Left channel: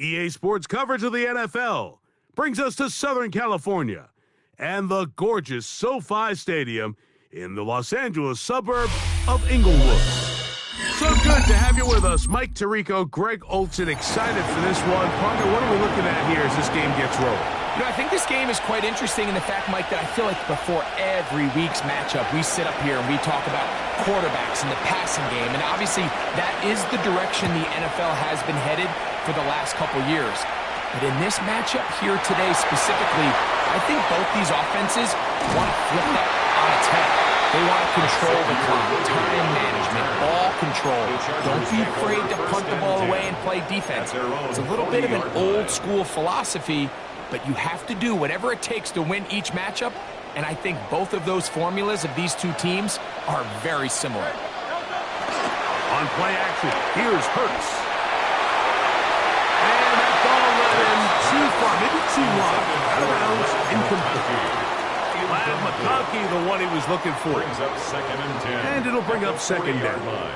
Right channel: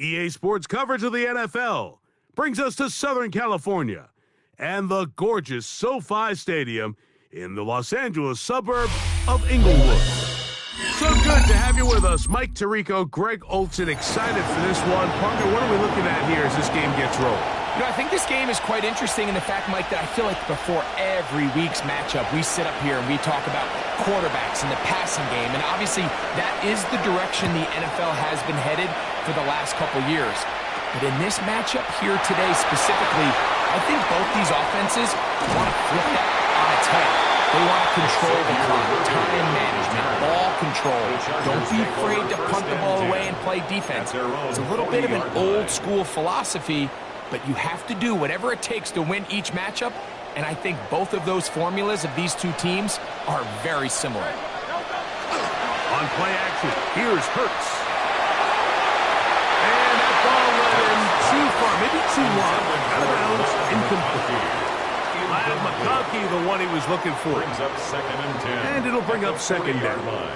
EA Sports coverage of the NFL brings us to Southern California and the gorgeous SoFi Stadium in the Los Angeles suburb of Inglewood. So good to have you with us. Mike Tirico, Greg Olson, excited for this one. Partner, what are we looking at here as this game gets rolling? You know, I think this game is quite interesting in the fact, Mike, that I feel like before every week's matchup, we sit up here and we talk about quarterbacks and the passing game. And obviously, that is the direction the NFL has been headed for the last couple years. But in this matchup here today specifically, I think both these offenses want to flip that on its head. They want to control the clock, time management, ball control. Don't be afraid to punt the ball away and play defense. It's a little bit of an old-school philosophy, but you have to do whatever it takes to win each matchup, and I think both of those formulas of these two teams are very similar. On play action, here's Hurts. And that ball led him too far, maybe too wide. Out of bounds, incomplete. Ladd McConkey, the one he was looking for. Brings up 2nd and 10. And it'll bring up 2nd down.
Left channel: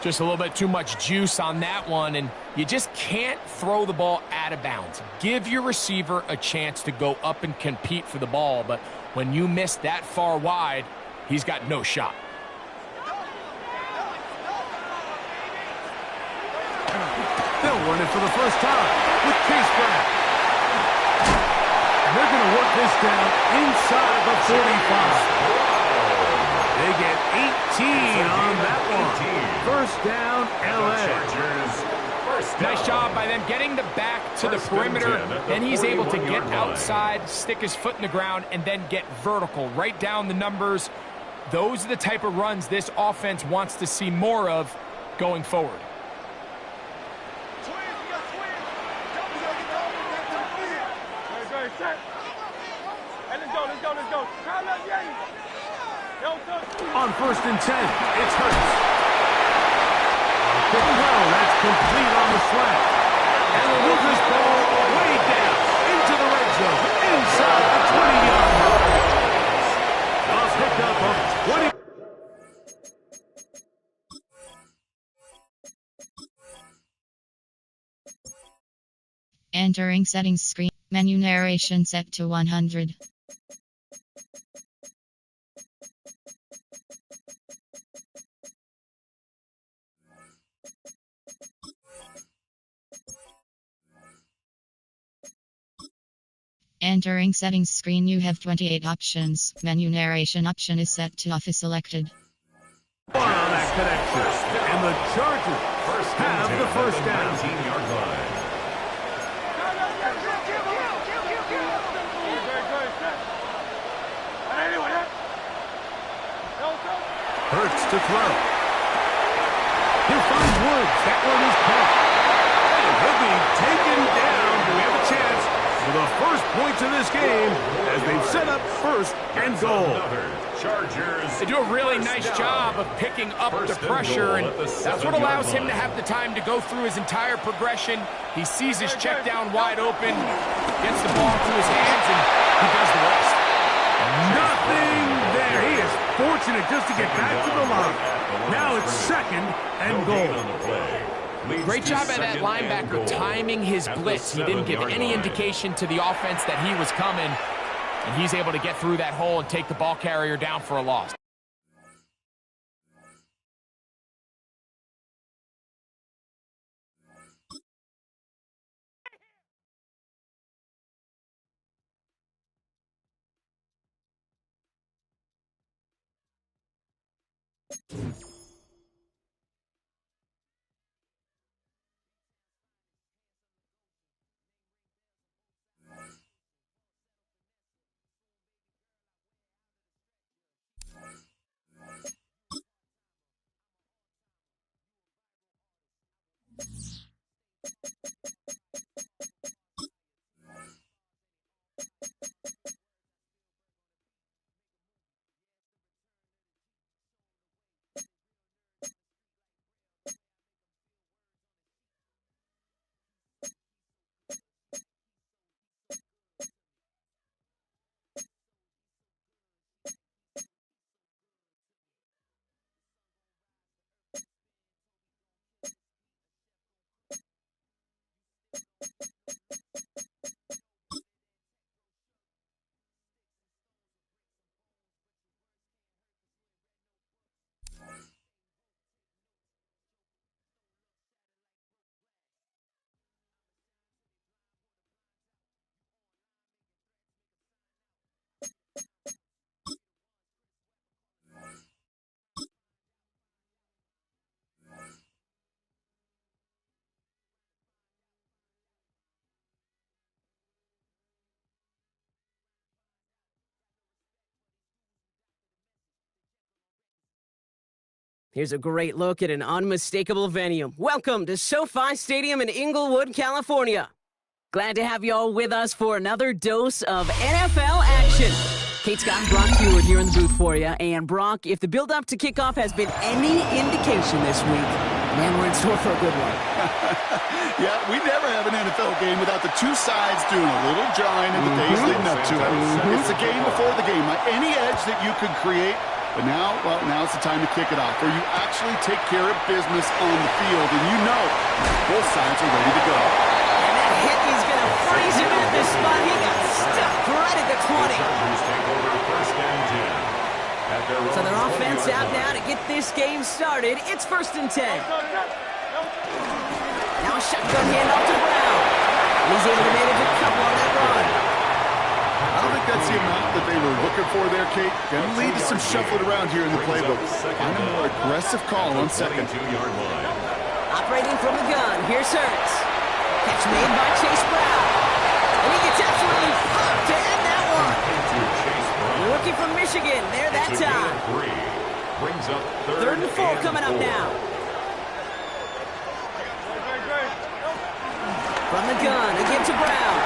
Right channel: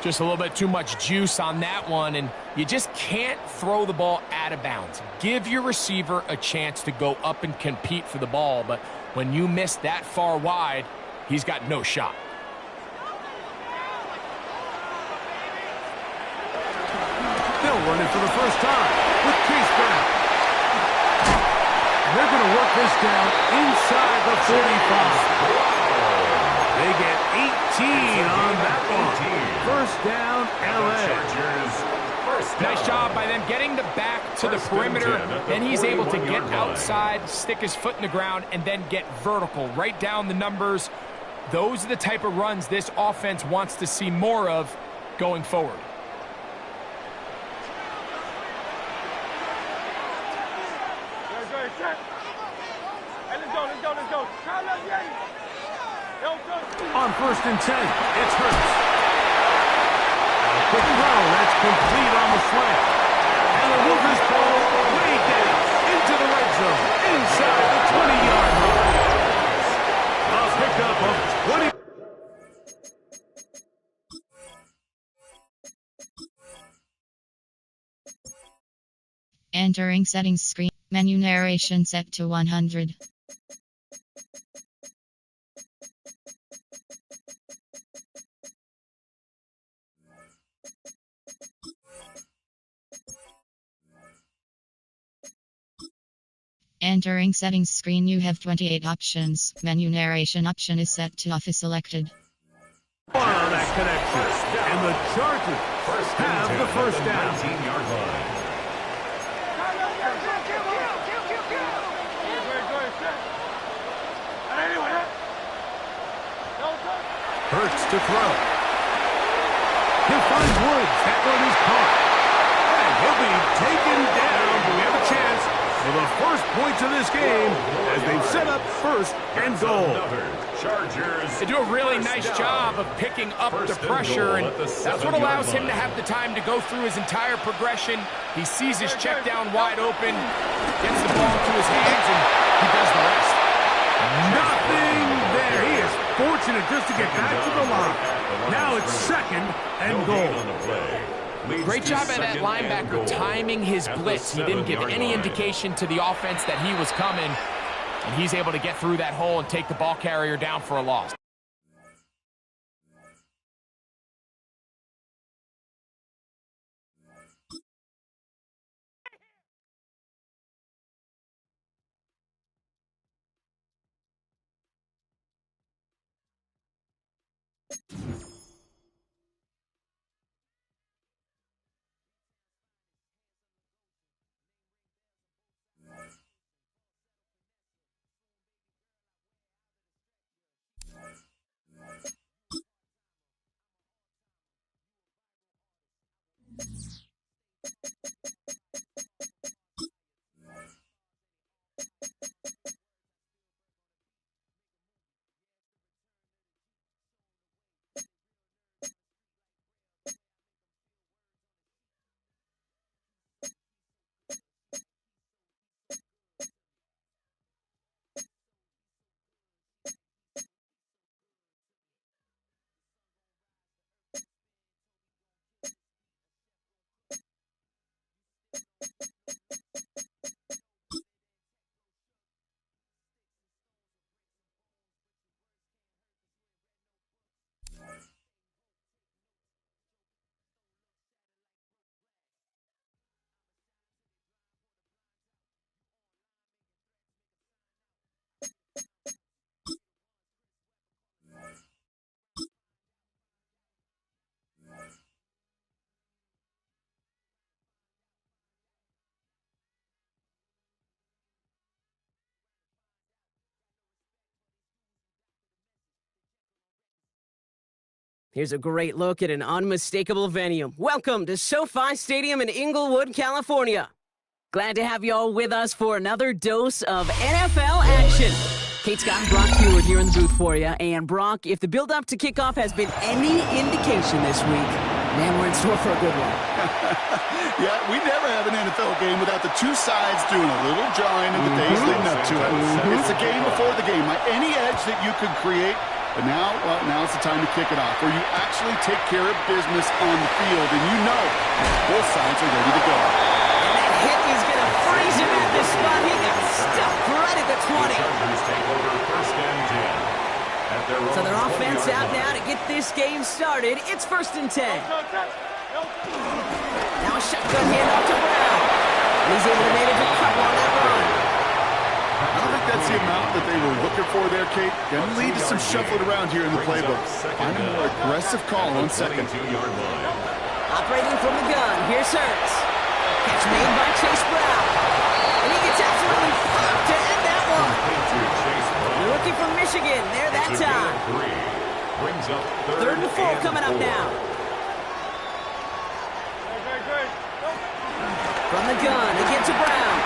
Just a little bit too much juice on that one, and you just can't throw the ball out of bounds. Give your receiver a chance to go up and compete for the ball, but when you miss that far wide, he's got no shot. They'll run it for the first time with Chase Brown. And they're going to work this down inside the 45. They get 18 on that one. First down, LA. Nice job by them getting the back to the perimeter. Then he's able to get outside, stick his foot in the ground, and then get vertical. Right down the numbers. Those are the type of runs this offense wants to see more of going forward. Let's go. On 1st and 10, it's Hurts. A quick throw, that's complete on the slant. And they'll move this ball way down into the red zone, inside the 20-yard line. A pickup of 20. Entering settings screen. Menu narration set to 100. Entering settings screen, you have 28 options. Menu narration option is set to off is selected. On that connection, and the Chargers have the first down. 19-yard line. Hurts to throw. He'll find Woods. That one is caught. And he'll be taken down. Do we have a chance for the first points of this game as they've set up 1st and goal? Chargers. They do a really nice job of picking up the pressure, and that's what allows him to have the time to go through his entire progression. He sees his check down wide open, gets the ball to his hands, and he does the rest. Nothing there. He is fortunate just to get back to the line. Now it's 2nd and goal. Great job by that linebacker timing his blitz. He didn't give any indication to the offense that he was coming, and he's able to get through that hole and take the ball carrier down for a loss. Here's a great look at an unmistakable venue. Welcome to SoFi Stadium in Inglewood, California. Glad to have you all with us for another dose of NFL action. Kate Scott and Brock Huard here in the booth for you. And Brock, if the build-up to kickoff has been any indication this week, man, we're in store for a good one. Yeah, we never have an NFL game without the two sides doing a little jawing in the days leading up to it. It's the game before the game. Any edge that you could create. But now, well, now's the time to kick it off, where you actually take care of business on the field, and you know both sides are ready to go. And that hit is going to freeze him at this spot. He got stuck right at the 20. Chargers take over 1st and 10. So their offense out now to get this game started. It's 1st and 10. Now a shotgun handoff to Brown. And he's able to manage a couple on that run. I don't think that's the amount that they were looking for there, Kate. Going to lead to some shuffling around here in the playbook. Find a more aggressive call on second. Operating from the gun, here's Hurts. Catch made by Chase Brown. And he gets absolutely popped to end that one. The rookie from Michigan, there that time. Brings up 3rd and 4 coming up now. From the gun, again to Brown.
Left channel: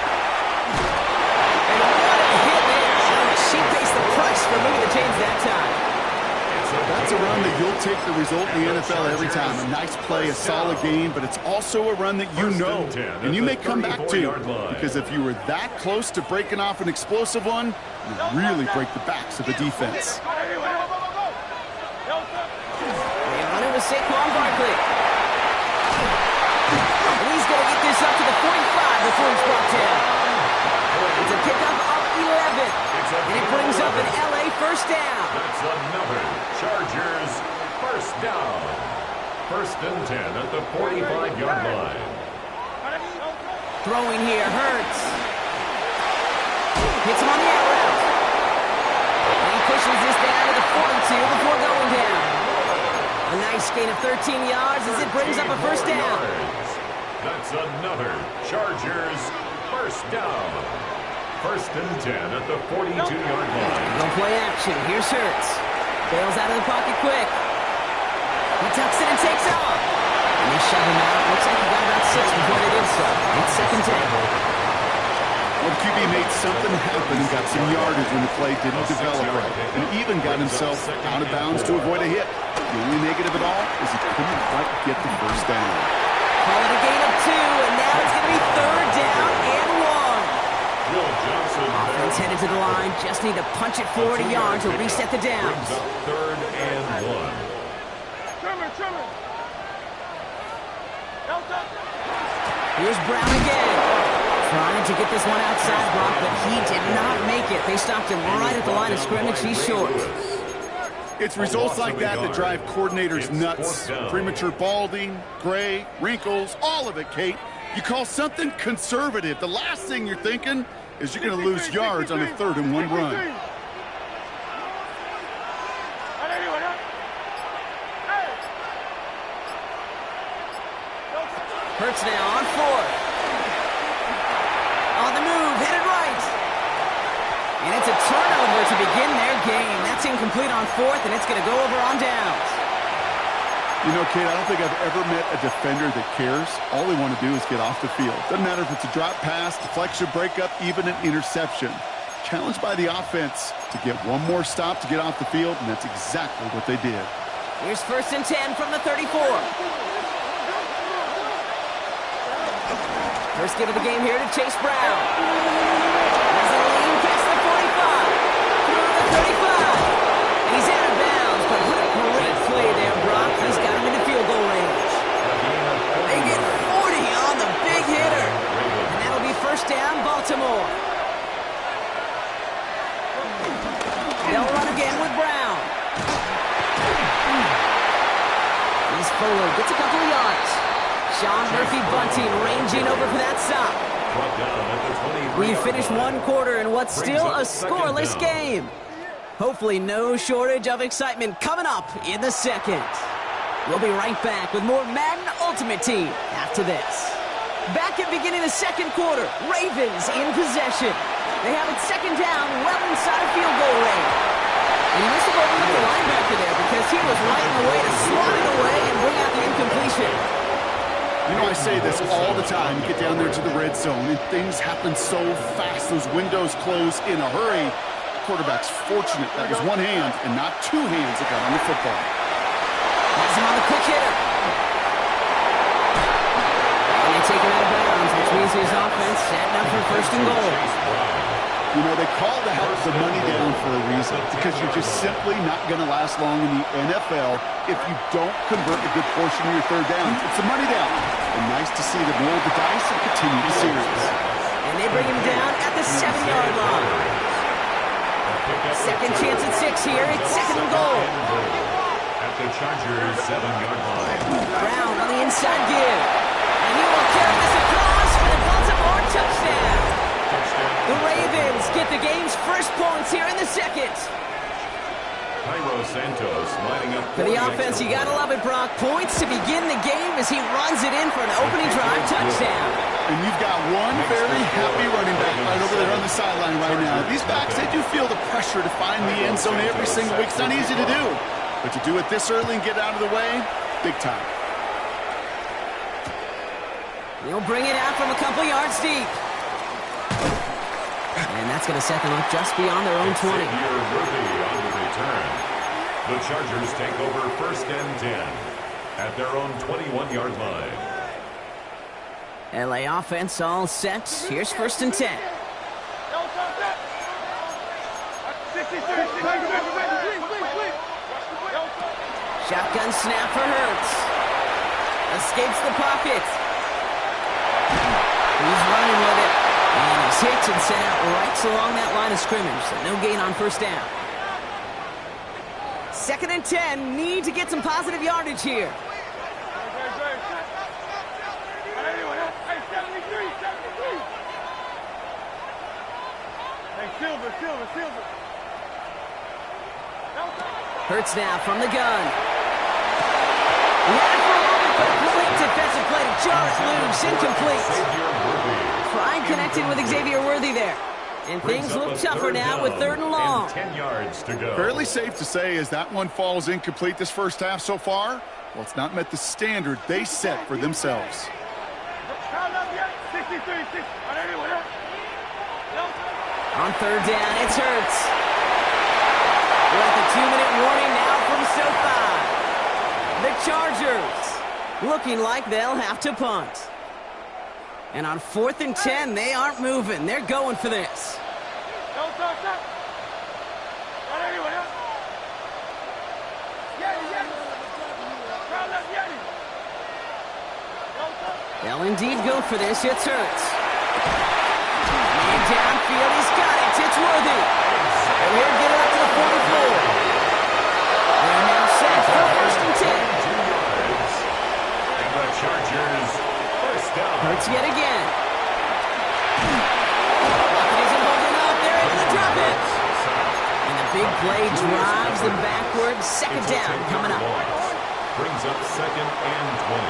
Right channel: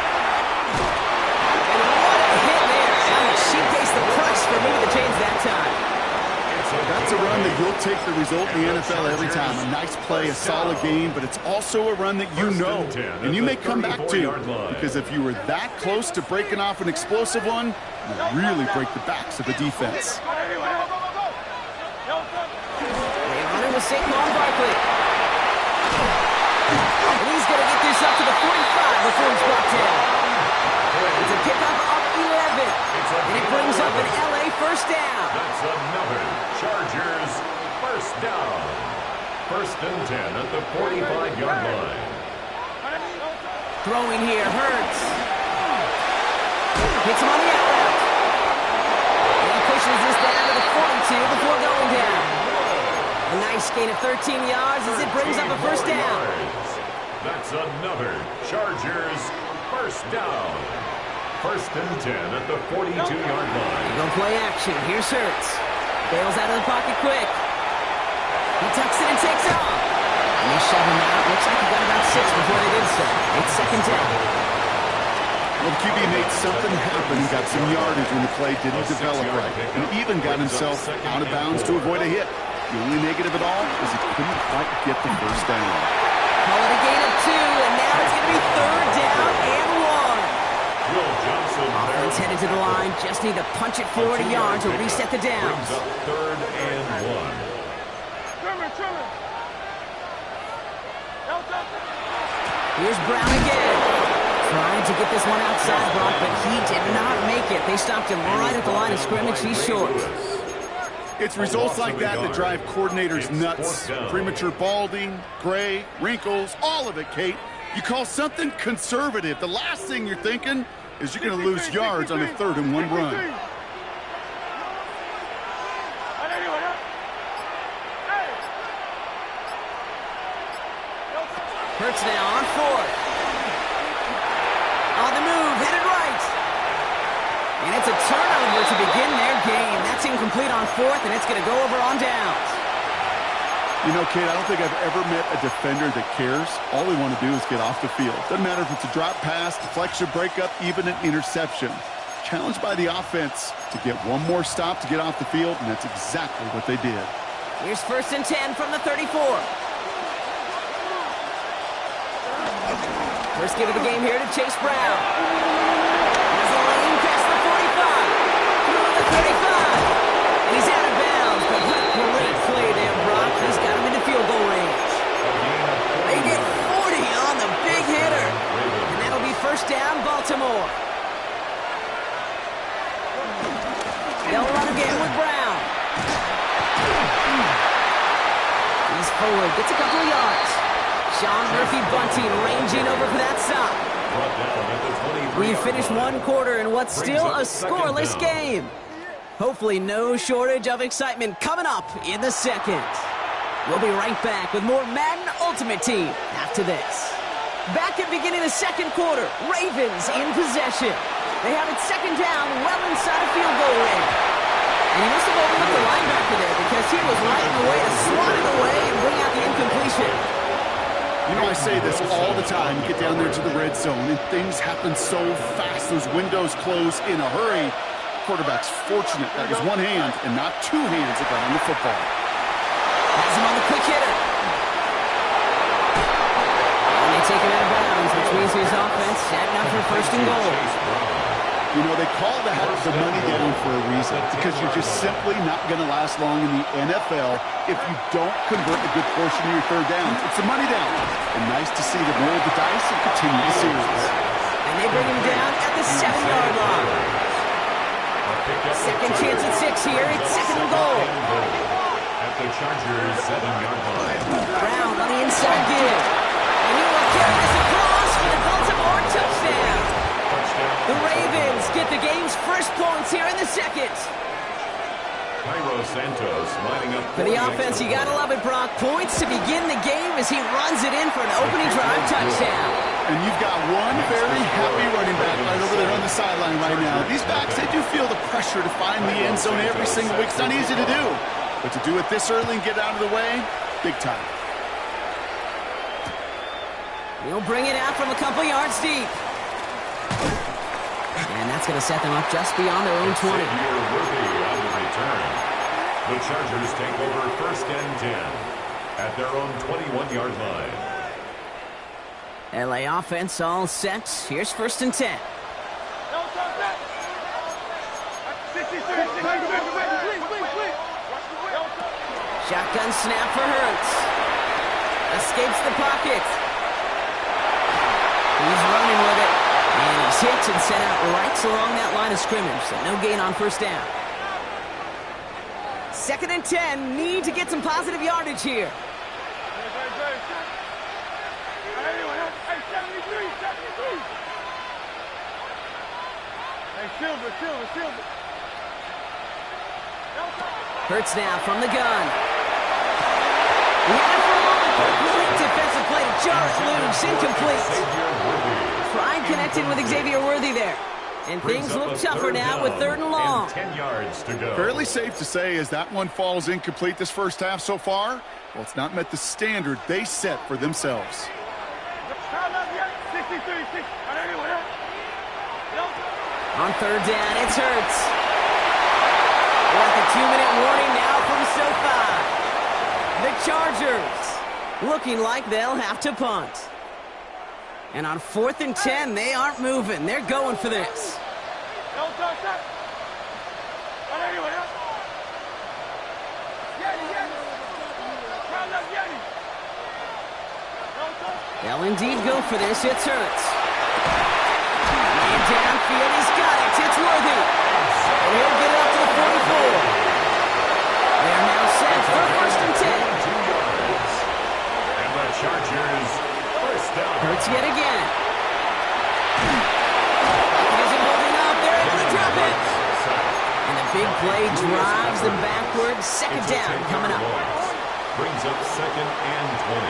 And what a hit there. And she pays the price for moving the chains that time. That's a run that you'll take the result in the NFL every time. A nice play, a solid game, but it's also a run that you know. And you may come back to, because if you were that close to breaking off an explosive one, you really break the backs of the defense. They run it with Saquon Barkley. And he's going to get this up to the 45 before he's brought down. It's a pickup of 11, and it brings up an LA 1st down. That's another Chargers 1st down. 1st and 10 at the 45-yard line. Throwing here, Hurts. Hits him on the out route. And he pushes this down to the 42 before going down. A nice gain of 13 yards as it brings up a 1st down. That's another Chargers 1st down. 1st and 10 at the 42-yard line. No play action. Here's Hurts. Bails out of the pocket quick. He tucks it and takes off. And they shove him out. Looks like he got about 6 before they did so. It's 2nd and 10. Well, the QB made something happen and got some yardage when the play didn't develop right. And even got himself out of bounds to avoid a hit. The only negative at all is he couldn't quite get the 1st down. Call it a gain of 2, and now it's going to be 3rd down and 1. Will Johnson Offense headed to the line. Just need to punch it forward a yard to reset the downs. Brings up 3rd and 1. Here's Brown again. Trying to get this one outside, Brock, but he did not make it. They stopped him right at the line of scrimmage. He's short. It's results like that that drive coordinators nuts. Premature balding, gray, wrinkles, all of it, Kate. You call something conservative. The last thing you're thinking is you're going to lose yards on a 3rd and 1 run. Hurts now on 4th. On the move, headed right. And it's a turnover to begin their game. That's incomplete on 4th, and it's going to go over on downs. You know, Kate, I don't think I've ever met a defender that cares. All they want to do is get off the field. Doesn't matter if it's a drop pass, deflection, breakup, even an interception. Challenged by the offense to get one more stop to get off the field, and that's exactly what they did. Here's 1st and 10 from the 34. First give of the game here to Chase Brown. Has a lane past the 45. Through the 35. And he's out of bounds, but what a great play there, Brock. He's got him into field goal range. They get 40 on the big hitter. And that'll be 1st down, Baltimore. They'll run again with Brown. He's forward, gets a couple of yards. Sean Murphy-Bunting ranging over for that stop. We finished 1 quarter in what's still a scoreless game. Hopefully no shortage of excitement coming up in the 2nd. We'll be right back with more Madden Ultimate Team after this. Back at beginning of the 2nd quarter, Ravens in possession. They have it 2nd down, well inside of field goal range. And he must have overlooked the linebacker there because he was right in the way to swat it away and bring out the incompletion. You know, I say this all the time. You get down there to the red zone, and things happen so fast. Those windows close in a hurry. Quarterback's fortunate that was one hand and not two hands that got on the football. Has him on the quick hitter. And they take him out of bounds, which means his offense setting up for first and goal. You know, they call that the money down for a reason, because you're just simply not going to last long in the NFL if you don't convert a good portion of your third downs. It's the money down. And nice to see them roll the dice and continue the series. And they bring him down at the 7-yard line. Second chance at 6 here. It's second and goal. At the Chargers' 7-yard line. Brown on the inside give. And he will carry this across for the Baltimore touchdown. The Ravens get the game's first points here in the second. Cairo Santos lining up for the offense. You gotta love it, Brock. Points to begin the game as he runs it in for an opening drive touchdown. And you've got one very happy running back right over there on the sideline right now. These backs, they do feel the pressure to find the end zone every single week. It's not easy to do. But to do it this early and get out of the way, big time. He'll bring it out from a couple yards deep. And that's going to set them up just beyond their own 20. Worthy on the return. The Chargers take over first and 10 at their own 21-yard line. LA offense all set. Here's first and 10. Shotgun snap for Hurts. Escapes the pocket. He's running with it. And he's hit and sent out right along that line of scrimmage, so no gain on first down. Second and 10, need to get some positive yardage here. Silver. Hurts now from the gun. He had it for a moment, but a great defensive play to jar it loose, incomplete. Pride connected with Xavier Worthy there. And things look tougher now with third and long. 10 yards to go. Fairly safe to say as that one falls incomplete this first half so far. Well, it's not met the standard they set for themselves. On third down, it's Hurts. We're at the 2-minute warning now from SoFi. The Chargers looking like they'll have to punt. And on 4th and 10, they aren't moving. They're going for this. They'll indeed go for this. It's Hurts. And downfield, he's got it. It's Worthy. And he'll get it up to the 44. They're now set for first and 10. 2 yards. And the Chargers first down. Hurts yet again. Pocket isn't holding up. They're able to drop it. And the big play drives them backwards. Second down coming up. Brings up second and 20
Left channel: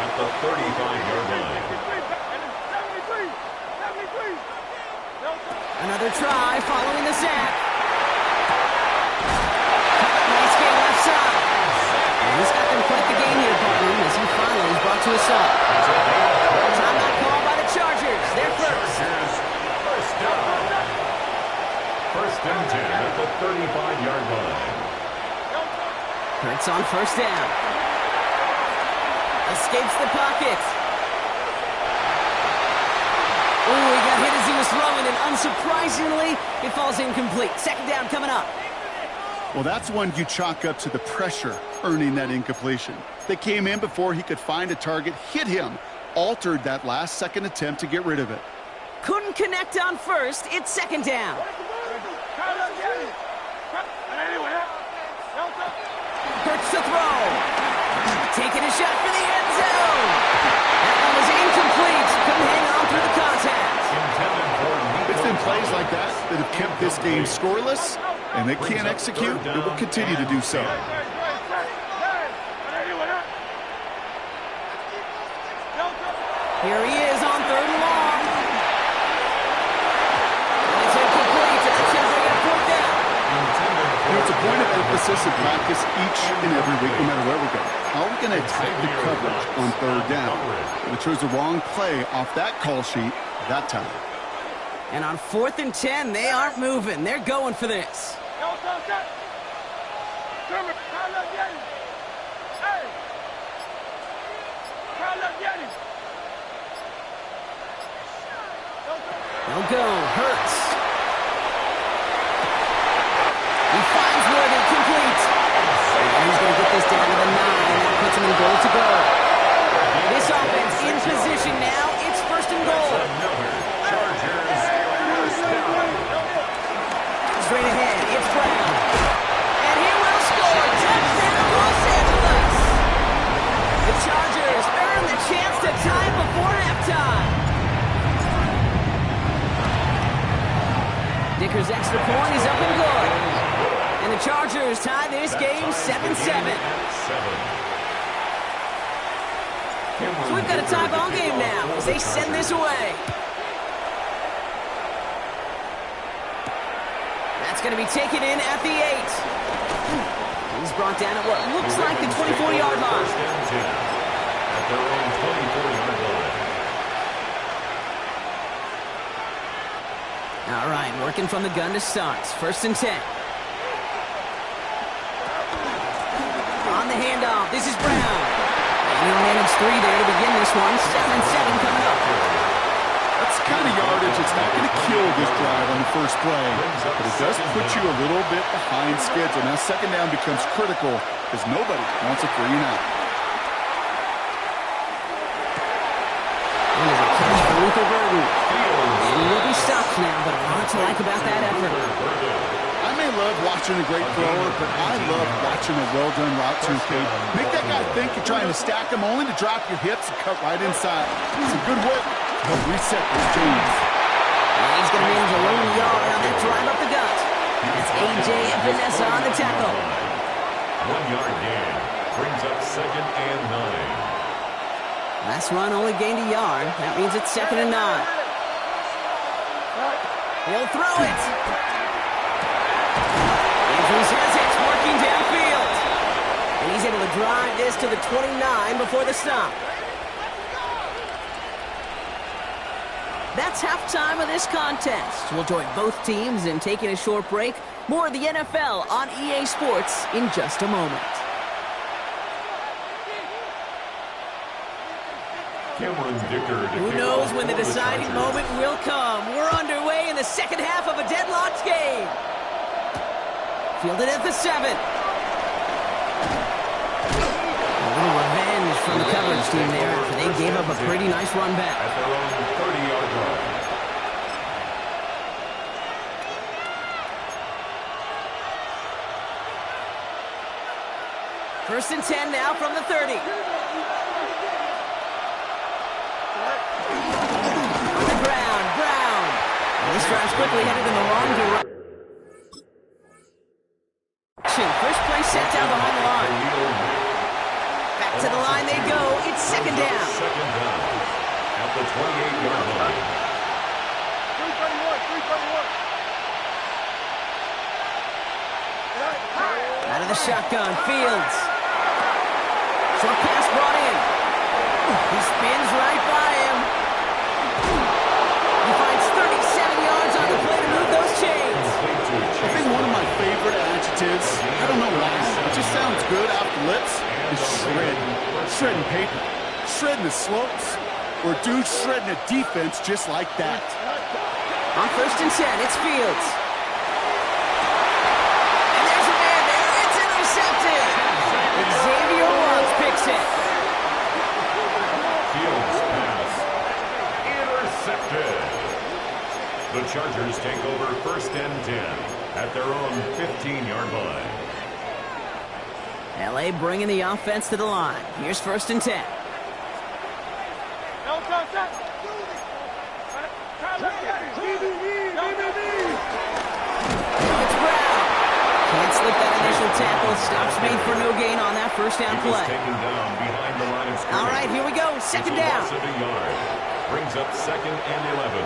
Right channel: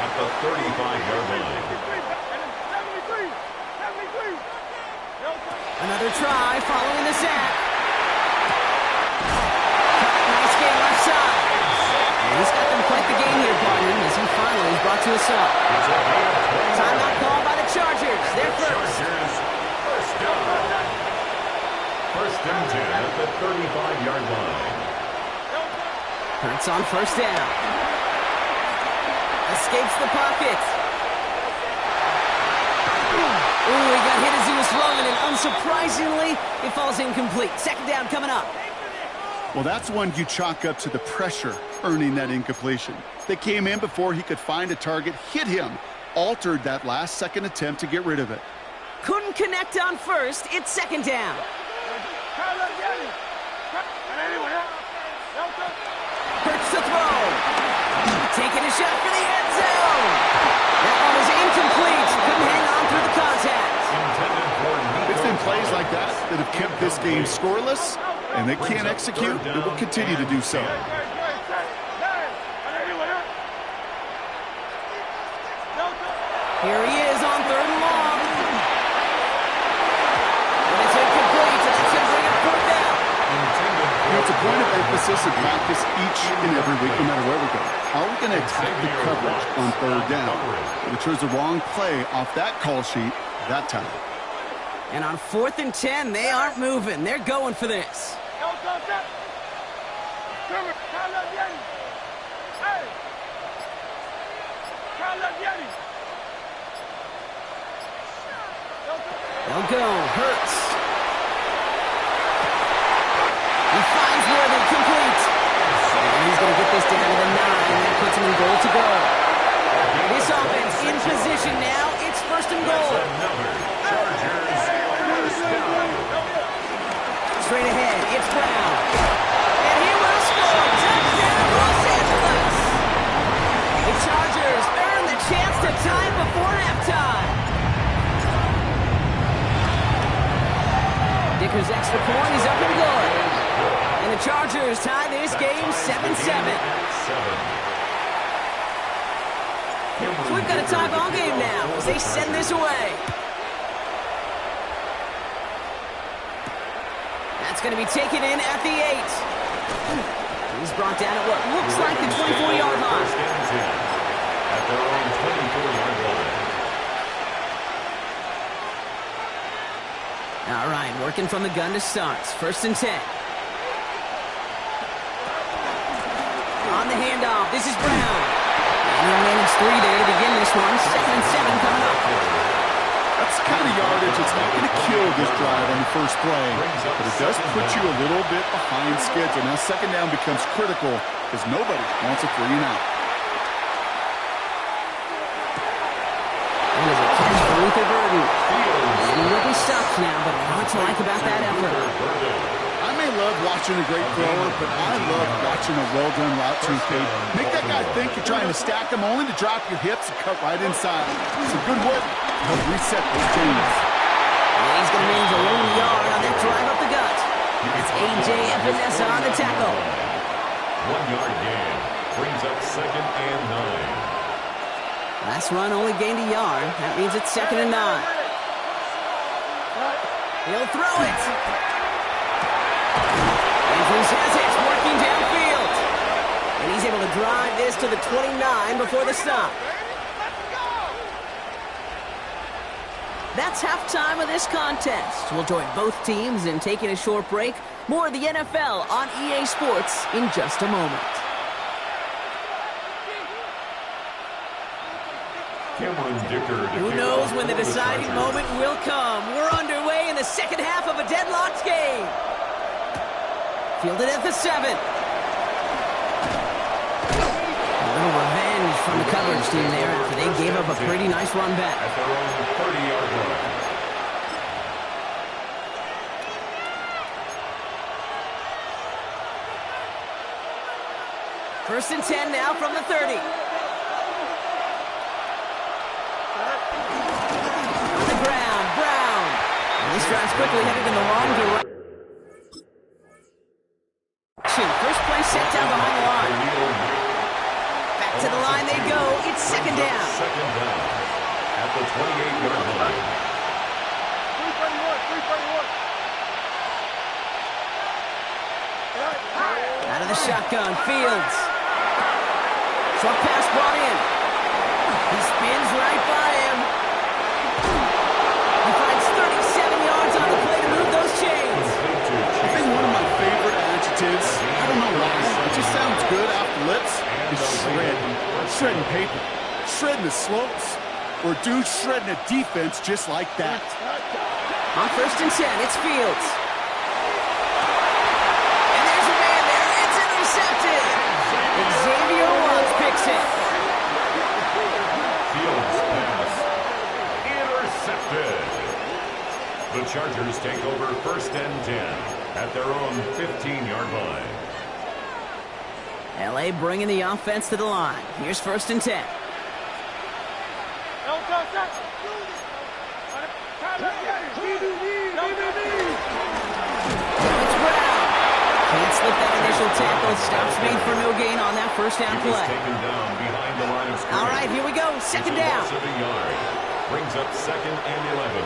at the 35-yard line. Another try following the sack. Nice game left side. And he's got them quite the game here, partner, as he finally is brought to a stop. Timeout called by the Chargers. They're first. First down. First and 10 at the 35-yard line. Hurts on first down. Escapes the pocket. Ooh, he got hit as he was throwing, and unsurprisingly, it falls incomplete. Second down coming up. Well, that's one you chalk up to the pressure earning that incompletion. They came in before he could find a target, hit him, altered that last-second attempt to get rid of it. Couldn't connect on first. It's second down. Hurts to throw. Taking a shot for the end zone. That one is incomplete. Couldn't hang on through the contact. It's been plays like that that have kept this game scoreless, and they can't execute. They will continue to do so. Here he is on third and long. And it's incomplete, and that's going to bring up fourth down. You know, it's a point of emphasis and practice each and every week, no matter where we go. How are we going to attack the coverage on third down? We chose the wrong play off that call sheet that time. And on 4th and 10, they aren't moving. They're going for this. They'll go. Hurts. He finds Worthy, complete. And he's going to get this down to the 9. That puts him in goal to go. This offense in position now. It's 1st and goal. Another Chargers first down. Straight ahead, it's Brown. And he will score. Touchdown, Los Angeles. The Chargers earn the chance to tie before halftime. Dicker's extra point is up and good. And the Chargers tie this game 7-7. So we've got a tie ball game now as they send this away. That's going to be taken in at the 8. He's brought down at what looks like the 24-yard line. At their own 24-yard line. All right, working from the gun to start. 1st and 10. On the handoff, this is Brown. And he'll manage 3 there to begin this one. 2nd and 7 coming up. That's the kind of yardage that's not going to kill this drive on the first play, but it does put you a little bit behind schedule. Now 2nd down becomes critical because nobody wants a 3 and out. And as a catch for Luther Burden. And he will be stopped now, but a lot to like about that effort. I may love watching a great thrower, but I love watching a well-done route too, Kate. Make that guy think you're trying to stack him only to drop your hips and cut right inside. Some good work to help reset those chains. And he's going to manage a lone yard on that drive up the gut. That's A.J. Epinesa on the tackle. 1-yard gain brings up 2nd and 9. Last run only gained a yard. That means it's 2nd and 9. He'll throw it. Andrews has it, working downfield. And he's able to drive this to the 29 before the stop. That's halftime of this contest. We'll join both teams in taking a short break. More of the NFL on EA Sports in just a moment. Cameron Dicker. Who knows when the deciding moment will come. We're underway in the second half of a deadlocked game. Fielded at the 7. A little revenge from the coverage team there after they gave up a pretty nice run back. At their own 30-yard line. First and 10 now from the 30. On the ground, Brown. And this drive's quickly headed in the wrong direction. First play set down behind the line. Back to the line they go. It's 2nd down. 2nd down at the 28-yard line. 331. Out of the shotgun, Fields. Short pass brought in. He spins right by him. He finds 37 yards on the play to move those chains. I think one of my favorite adjectives, I don't know why, it just sounds good off the lips, is shred. Shredding paper. Shredding the slopes. Or dude shredding a defense just like that. On 1st and 10, it's Fields. And there's a man there. It's intercepted. Xavier Woods picks it. Fields pass intercepted. The Chargers take over 1st and 10 at their own 15-yard line. L.A. bringing the offense to the line. Here's 1st and 10. It's Brown. Can't slip that initial tackle. Stops made for no gain on that first down He was play. taken down behind the line of scrimmage. All right, here we go. 2nd down. Loss of a yard. Brings up 2nd and 11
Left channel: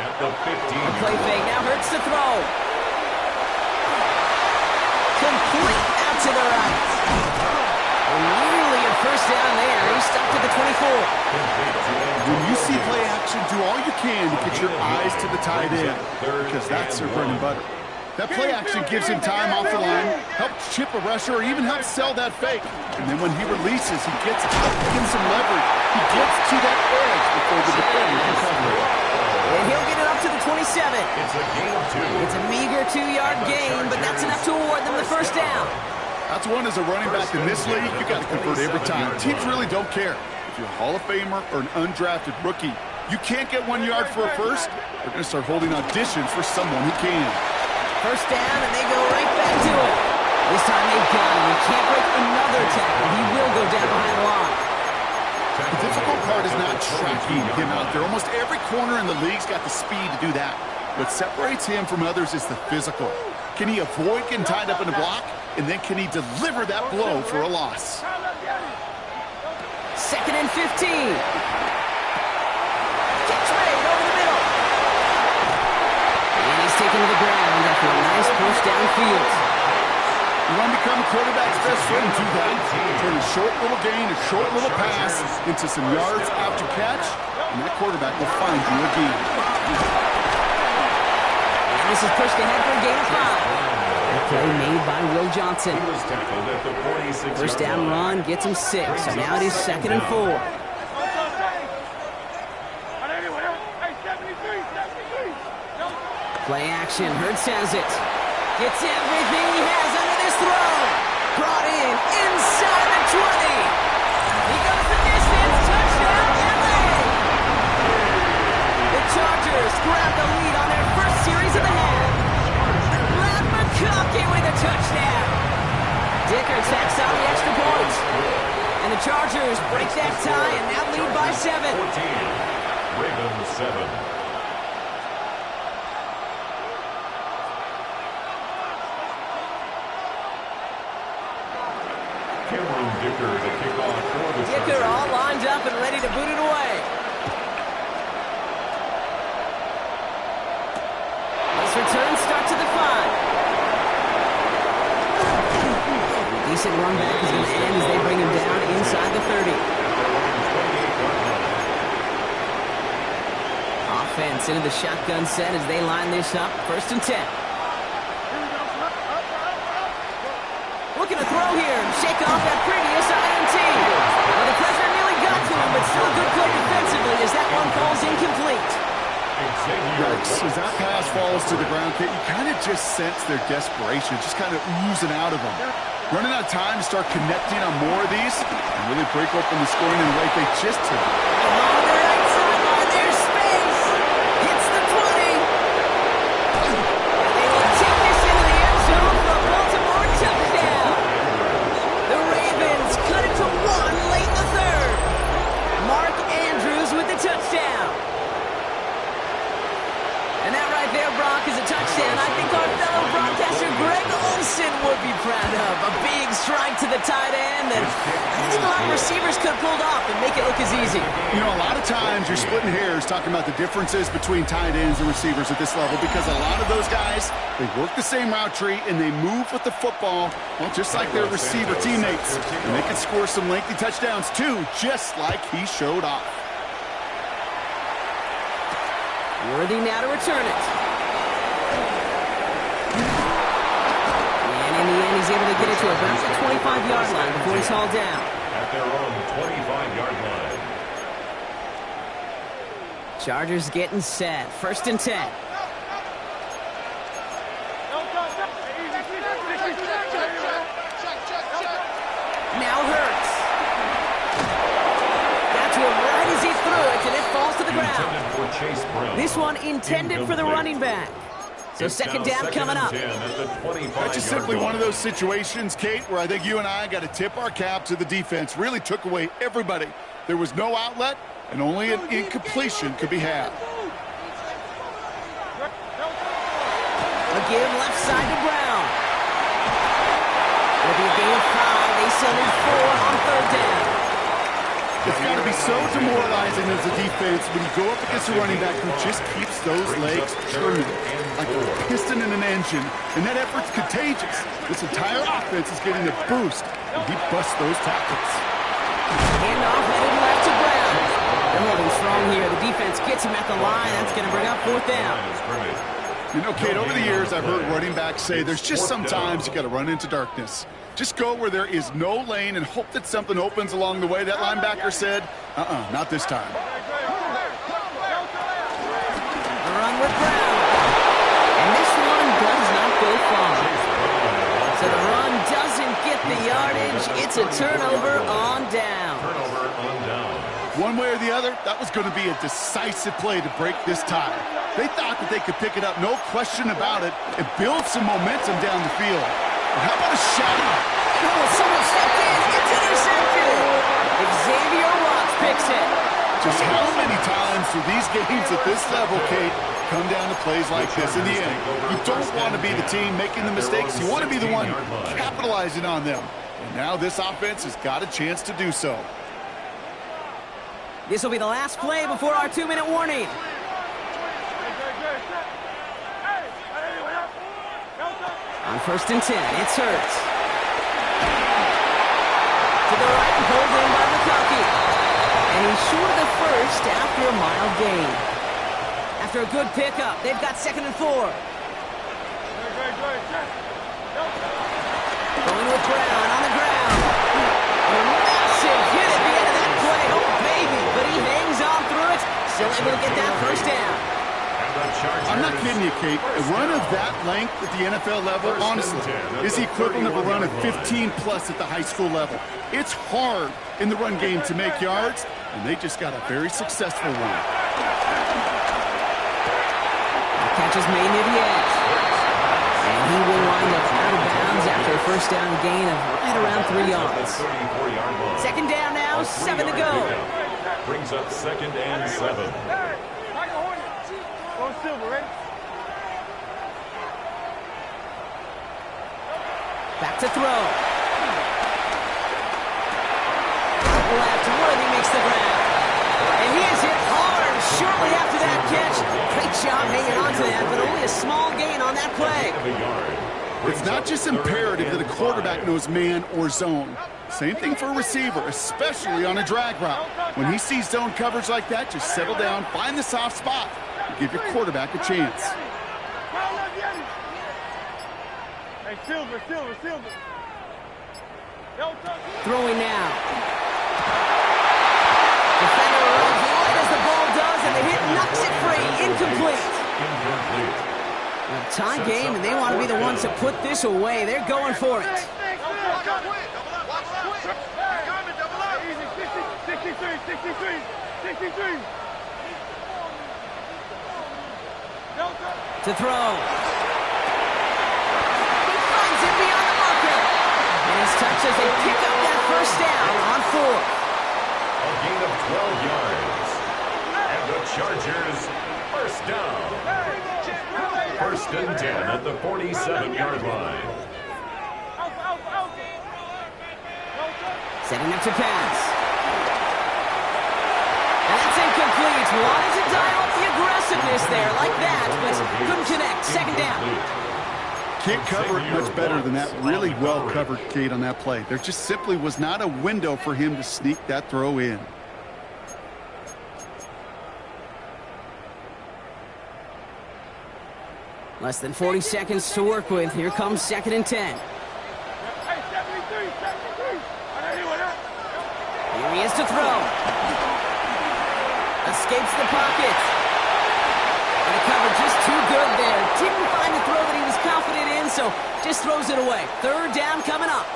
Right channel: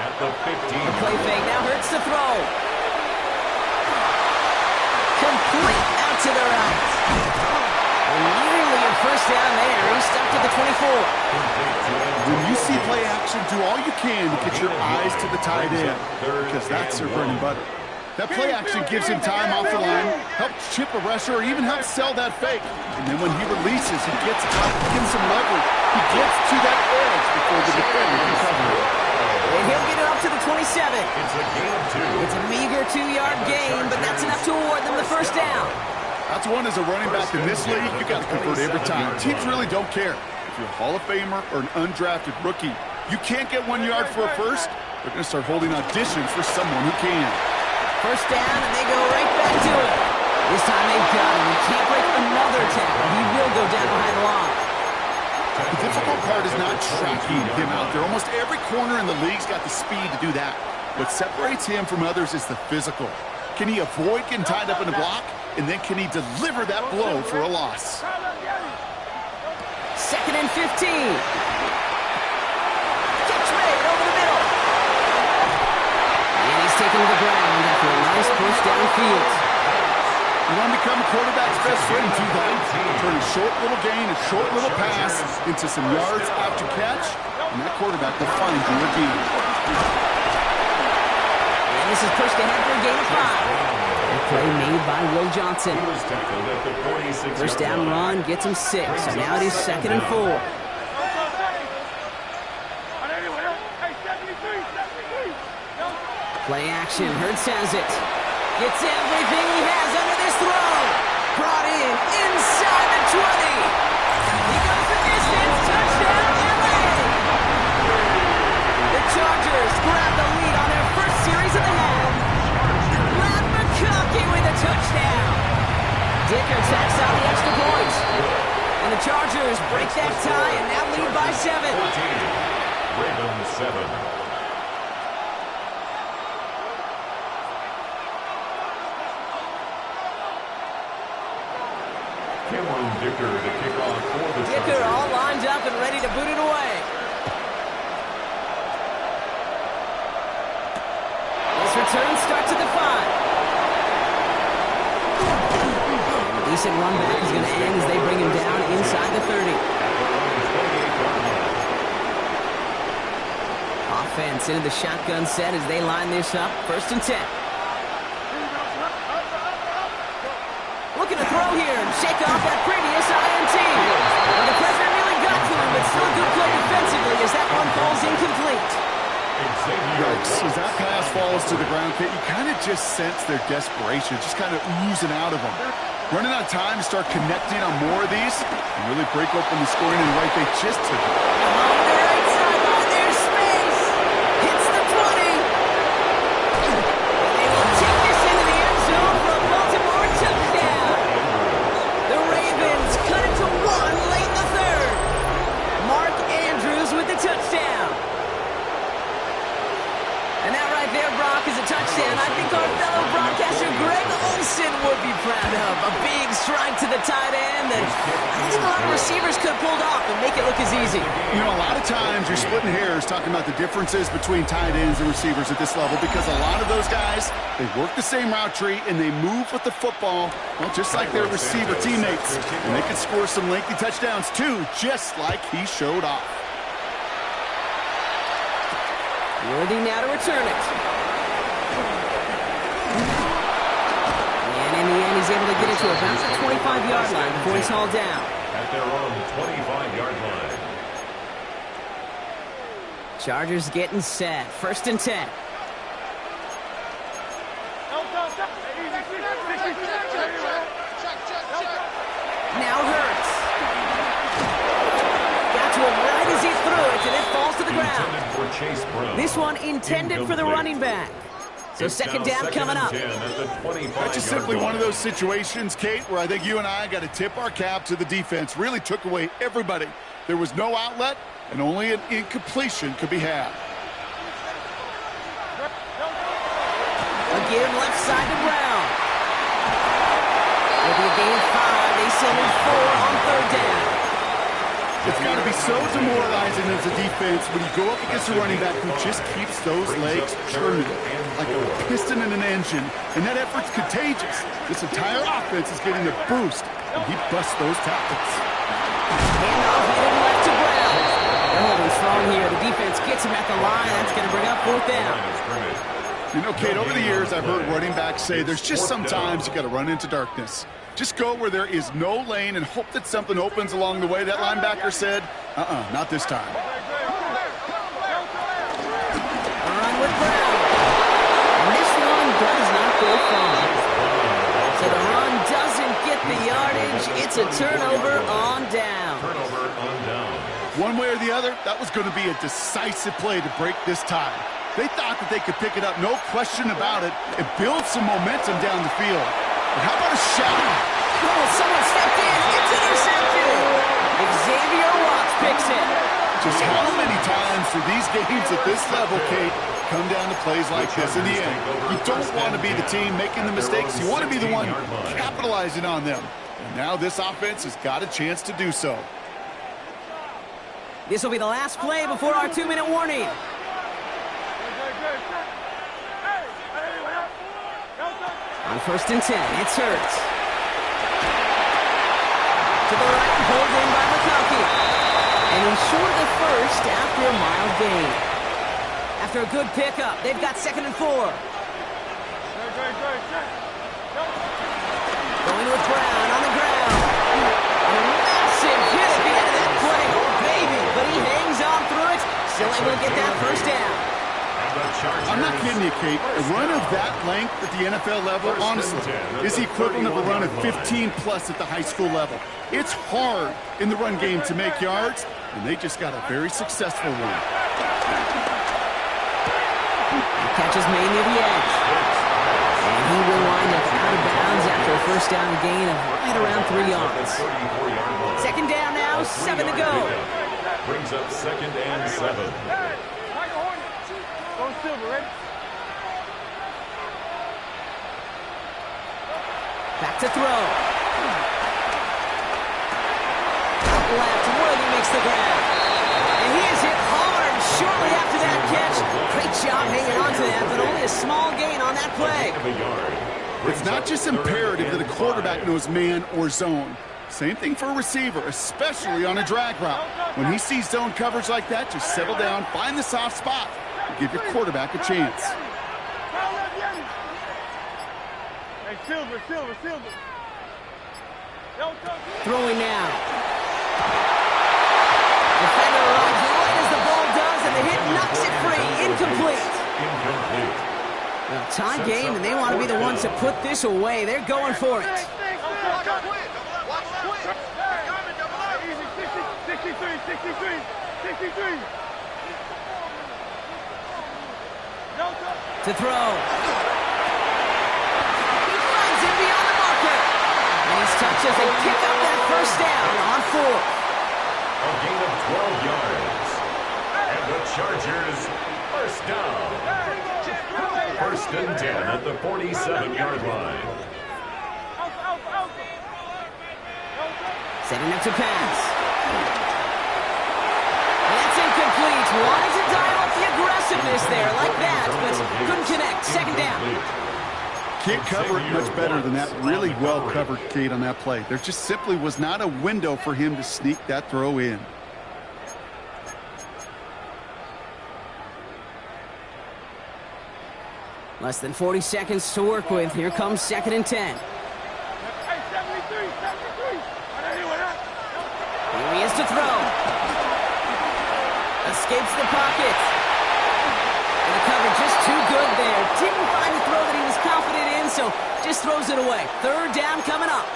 at the 15. A play fake. Now Hurts to throw. complete out to the right. And nearly a first down there. He's stuck to the 24. When you see play action, do all you can to get your eyes to the tight end, because that's their bread and butter. That play action gives him time off the line, helps chip a rusher, or even helps sell that fake. And then when he releases, he gets out, gives some leverage. He gets to that edge before the defender can cover it. And he'll get it up to the 27. It's a gain of 2. It's a meager 2-yard gain, but that's enough to award them the first down. That's one as a running back in this league, you got to convert every time. Teams really don't care. If you're a Hall of Famer or an undrafted rookie, you can't get 1 yard for a first, they're going to start holding auditions for someone who can. First down, and they go right back to it. This time they've got him. He can't break another tackle. He will go down behind the line. The difficult part is not tracking him out there. Almost every corner in the league's got the speed to do that. What separates him from others is the physical. Can he avoid getting tied up in a block? And then can he deliver that blow for a loss? 2nd and 15. Catch made over the middle. And he's taken to the ground after a nice push downfield. You want to become a quarterback's best friend, do that. Turn a short little gain, a short little pass into some yards after catch, and that quarterback will find you again. And this is pushed ahead for a gain of 5. Play made by Will Johnson. First down run gets him 6. So now it is 2nd and 4. Play action. Hurts has it. Gets everything he has under this throw. Brought in inside the 20. He goes the distance. Touchdown, LA. The Chargers grab the lead on their first series of the half. Matt McConkey with a touchdown. Dicker tacks out the extra point. And the Chargers break that tie and now lead by 7. 14. Ravens 7. Cameron Dicker to kick off for the Chargers. Dicker all lined up and ready to boot it away. This return starts at the 5. Decent run back is going to end as they bring him down inside the 30. At their own 28-yard line. Offense into the shotgun set as they line this up. 1st and 10. Looking to throw here and shake off that previous INT. Well, the pressure nearly got to him, but still a good play defensively as that one falls incomplete. Yikes. As that pass falls to the ground, Kate, you kind of just sense their desperation, just kind of oozing out of them. Running out of time to start connecting on more of these and really break open the scoring in the way they just took. Along the right sideline, there's space. Hits the 20. And they will take this into the end zone for a Baltimore touchdown. The Ravens cut it to 1 late in the 3rd. Mark Andrews with the touchdown. And that right there, Brock, is a touchdown I think our fellow broadcaster Greg Olsen would be proud of. A big strike to the tight end that I think a lot of receivers could have pulled off and make it look as easy. You know, a lot of times you're splitting hairs talking about the differences between tight ends and receivers at this level because a lot of those guys, they work the same route tree and they move with the football, well, just like their receiver teammates. And they can score some lengthy touchdowns too, just like he showed off. Worthy now to return it. And in the end, he's able to get it to about the 25-yard line before he's hauled down. At their own 25-yard line. Chargers getting set. 1st and 10. Now Hurts. Got to him right as he threw it, and it falls to the ground. This one intended for the running back. So 2nd down coming up. That's just simply one of those situations, Kate, where I think you and I got to tip our cap to the defense. Really took away everybody. There was no outlet, and only an incompletion could be had. A give left side to Brown. Will be a gain of 5. They still need 4 on 3rd down. It's got to be so demoralizing as a defense when you go up against a running back who just keeps those legs churning like a piston in an engine, and that effort's contagious. This entire offense is getting a boost, and he busts those tackles. Handoff headed left to Brown. They're holding strong here. The defense gets him at the line. That's going to bring up 4th down. You know, Kate, over the years, I've heard running backs say there's just sometimes you got to run into darkness. Just go where there is no lane and hope that something opens along the way. That linebacker said, not this time. A run with Brown. And this one does not go far. So the run doesn't get the yardage. It's a turnover on down. One way or the other, that was going to be a decisive play to break this tie. They thought that they could pick it up, no question about it, and build some momentum down the field. But how about a shot? Oh, someone stepped in. It's intercepted. Xavier Watts picks it. Just how many times do these games at this level, Kate, come down to plays like this? In the end, you don't want to be the team making the mistakes. You want to be the one capitalizing on them. And now this offense has got a chance to do so. This will be the last play before our 2-minute warning. On 1st and 10, it's Hurts. To the right, pulled in by McConkey. And he's short of the first after a mild gain. After a good pickup, they've got 2nd and 4. Going with Brown on the ground. And a massive hit at the end of that play. Oh, baby. But he hangs on through it. Still able to get that 1st down. I'm not kidding you, Kate. A run of that length at the NFL level, honestly, is the equivalent of a run of 15-plus at the high school level. It's hard in the run game to make yards, and they just got a very successful one. The catch is made near the edge. And he will wind up out of bounds after a 1st down gain of right around 3 yards. 2nd down now, 7 to go. Brings up 2nd and 7. Back to throw. Out left, Worthy makes the grab. And he is hit hard shortly after that catch. Great job hanging on to that, but only a small gain on that play. It's not just imperative that a quarterback knows man or zone. Same thing for a receiver, especially on a drag route. When he sees zone coverage like that, just settle down, find the soft spot, and give your quarterback a chance. Hey, Silver. Throwing now. Defender runs right as the ball does, and the hit knocks it free. Incomplete. Well, tie game, and they want to be the ones to put this away. They're going for it. 63. To throw. He finds it beyond the marker. And he's touched as they pick up that 1st down on 4th. A gain of 12 yards. And the Chargers, 1st down. 1st and 10 at the 47-yard line. Setting up to pass. And that's incomplete. Wanted to dial up the aggressiveness there like that, but couldn't connect. 2nd down. Can't cover it much better than that. Really well covered, Kate, on that play. There just simply was not a window for him to sneak that throw in. Less than 40 seconds to work with. Here comes 2nd and 10. Hey, 73. Here he is to throw. Escapes the pocket. And the cover just too good there. Didn't find the throw that he was confident in, so just throws it away. 3rd down coming up.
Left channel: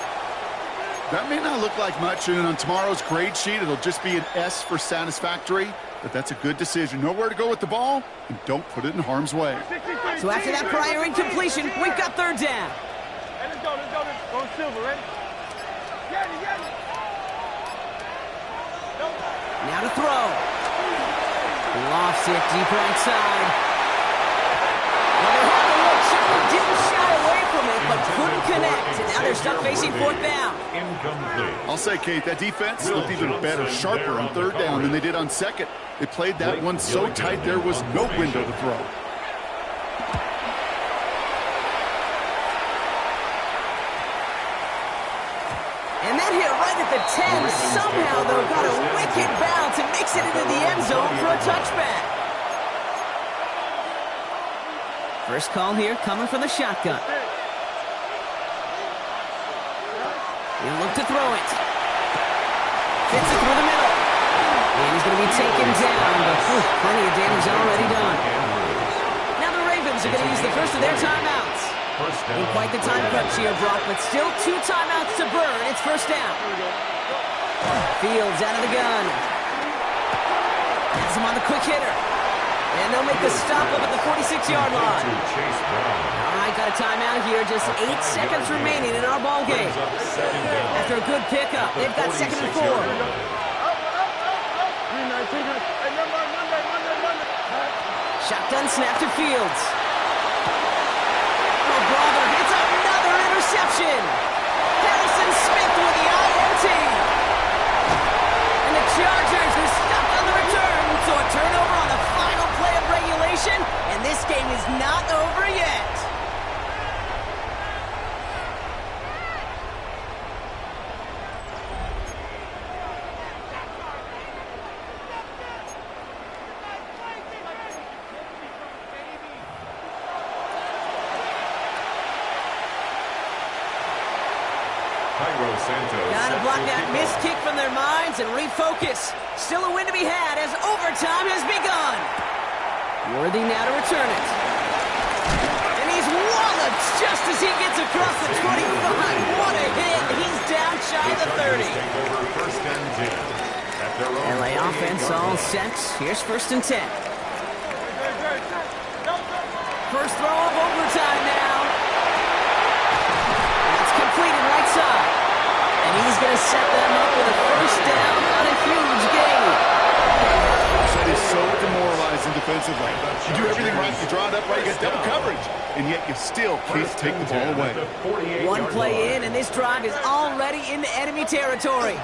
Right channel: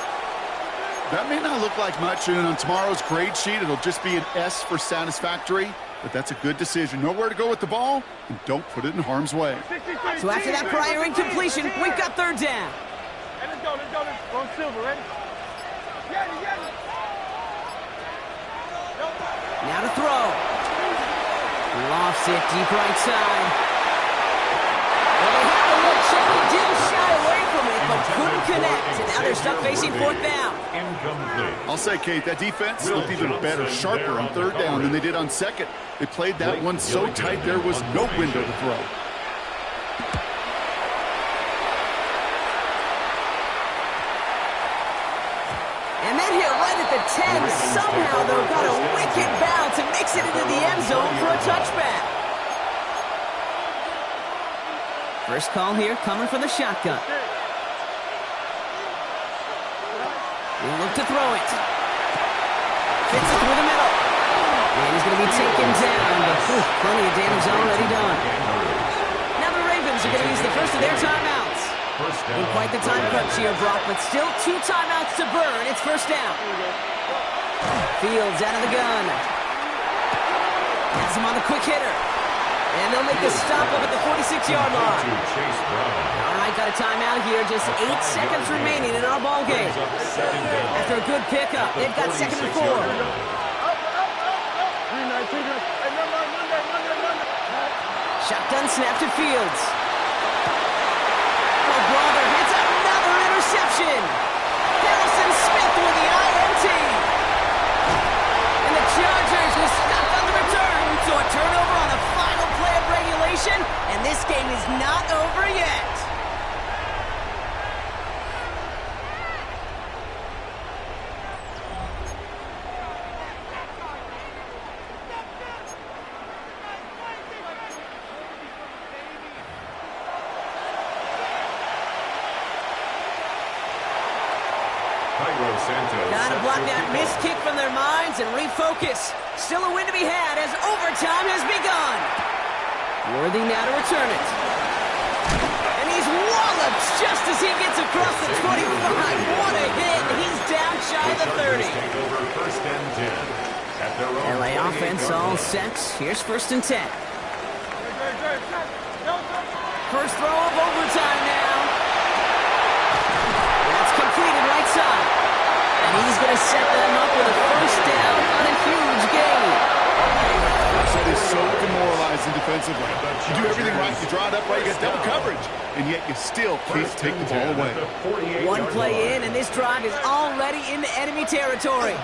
That may not look like much, and on tomorrow's grade sheet, it'll just be an S for satisfactory, but that's a good decision. Know where to go with the ball, and don't put it in harm's way. So after that prior incompletion, we've got 3rd down. Hey, let's go. Go Silver, ready? Get it. Now to throw. Lofts it deep right side. Well, they had the look. Certainly didn't shy away from it, but but couldn't connect. And now they're stuck facing fourth down. Incomplete. I'll say, Kate, that defense looked even better, sharper on third down than they did on second. They played that one so tight there was no window to throw. And that hit right at the 10. Somehow, though, got a wicked bounce and makes it into the end zone for a touchback. First call here coming from the shotgun. He'll look to throw it. Fits it through the middle. And he's going to be taken down, but plenty of damage already done. Now the Ravens are going to use the first of their timeouts. In quite the time crunch here, Brock, but still 2 timeouts to burn. It's first down. Fields out of the gun. Has him on the quick hitter. And they'll make the stop up at the 46-yard line. All right, got a timeout here. Just 8 seconds remaining in our ball game. After a good pickup, they've got 2nd and 4. Shotgun snap to Fields. Oh, brother, it's another interception. Harrison Smith with the INT. And the Chargers are stuck on the return. So a turnover on the final play of regulation. And this game is not over yet. Gotta block that missed kick from their minds and refocus. Still a win to be had as overtime has begun. Worthy now to return it. And he's walloped just as he gets across the 25. What a hit. He's down shy of the 30. LA offense all set. Here's 1st and 10. First throw of overtime now. That's completed right side. And he's going to set them up with a first down on a huge gain. That is so demoralizing defensively. You do everything right, you draw it up right, you get double coverage, and yet you still can't take the ball away. 1 play in, and this drive is already into enemy territory.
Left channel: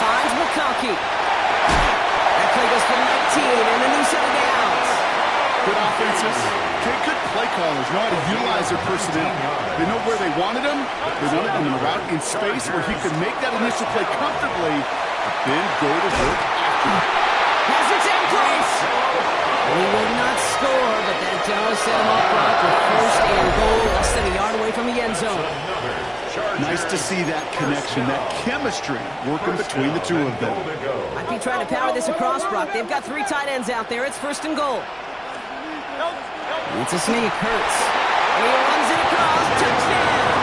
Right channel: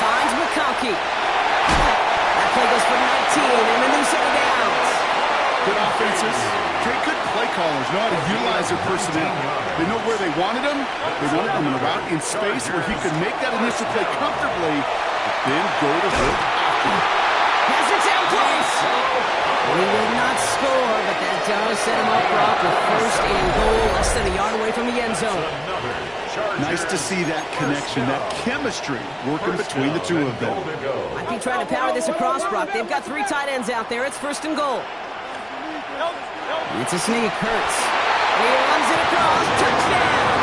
Finds McConkey. That play goes for 19 and a new set of downs. Good offenses. Good play callers know how to utilize their personnel. They know where they wanted them. They wanted them in a route in space where he could make that initial play comfortably, but then go to work after. Has it down close. He will not score, but that does set him up, Brock, with 1st and goal, less than a yard away from the end zone. Nice to see that connection, that chemistry working between the two of them. Might be trying to power this across, Brock. They've got 3 tight ends out there. It's 1st and goal. It's a sneak, Hurts. And he runs it across, touchdown!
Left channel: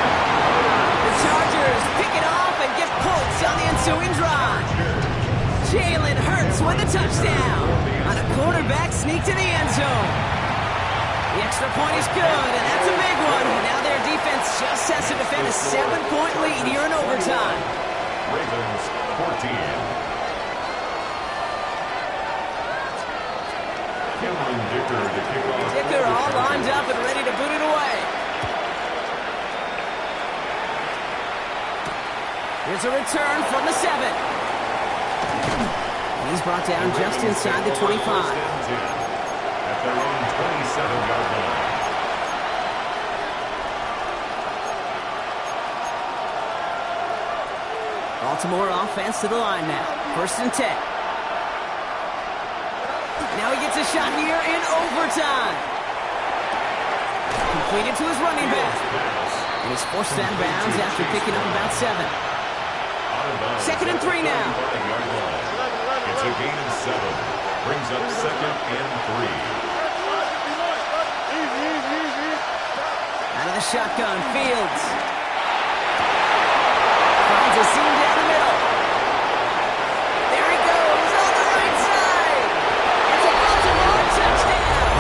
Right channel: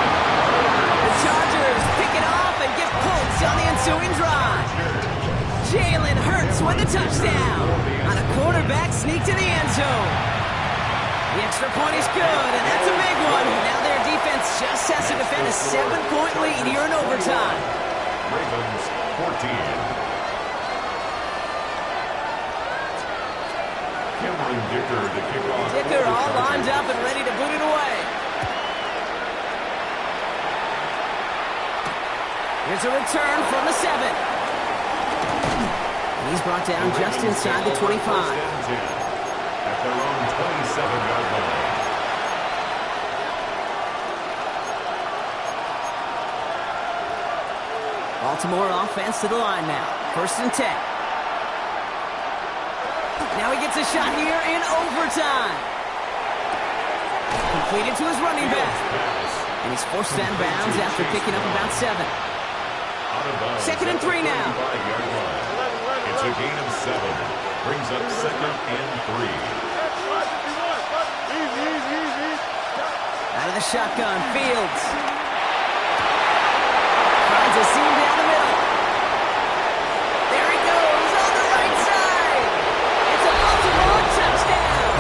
The Chargers pick it off and get points on the ensuing drive. Jalen Hurts with a touchdown on a quarterback sneak to the end zone. The extra point is good, and that's a big one. Now their defense just has to defend a 7-point lead here in overtime. Ravens 14. Cameron Dicker to kick off. Dicker all lined up and ready to boot it away. Here's a return from the 7. And he's brought down just inside the 25. At their own 27-yard line. Baltimore offense to the line now. 1st and 10. Now he gets a shot here in overtime. Completed to his running back. And he's forced out of bounds after picking up about 7. 2nd and 3 now. It's a gain of 7. Brings up 2nd and 3. Out of the shotgun, Fields. Finds a seam down the middle. There he goes on the right side. It's a Baltimore touchdown.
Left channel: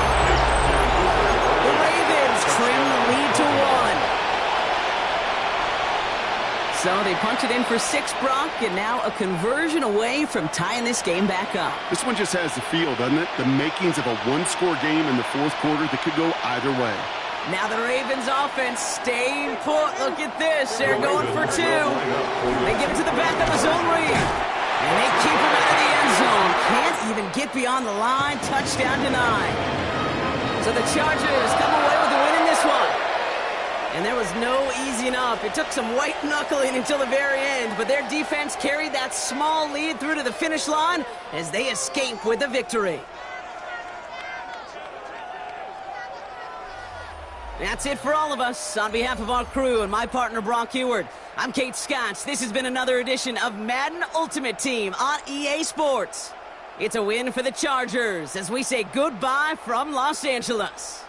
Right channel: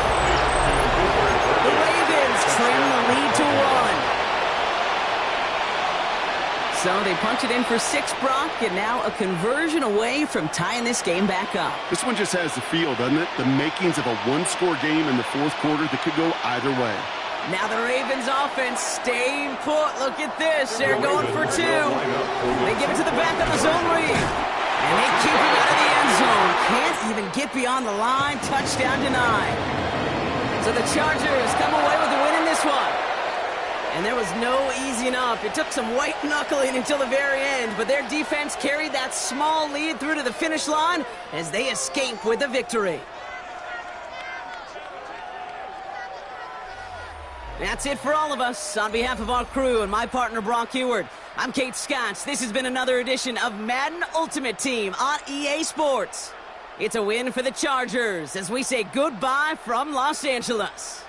The Ravens trim the lead to 1. So they punch it in for 6, Brock, and now a conversion away from tying this game back up. This one just has the feel, doesn't it? The makings of a one-score game in the fourth quarter that could go either way. Now the Ravens offense staying put. Look at this. They're going for 2. They give it to the back of the zone read. And they keep him out of the end zone. Can't even get beyond the line. Touchdown denied. So the Chargers come away with the win in this one. And there was no easing up. It took some white knuckling until the very end, but their defense carried that small lead through to the finish line as they escape with the victory. That's it for all of us. On behalf of our crew and my partner, Brock Heward, I'm Kate Scotts. This has been another edition of Madden Ultimate Team on EA Sports. It's a win for the Chargers as we say goodbye from Los Angeles.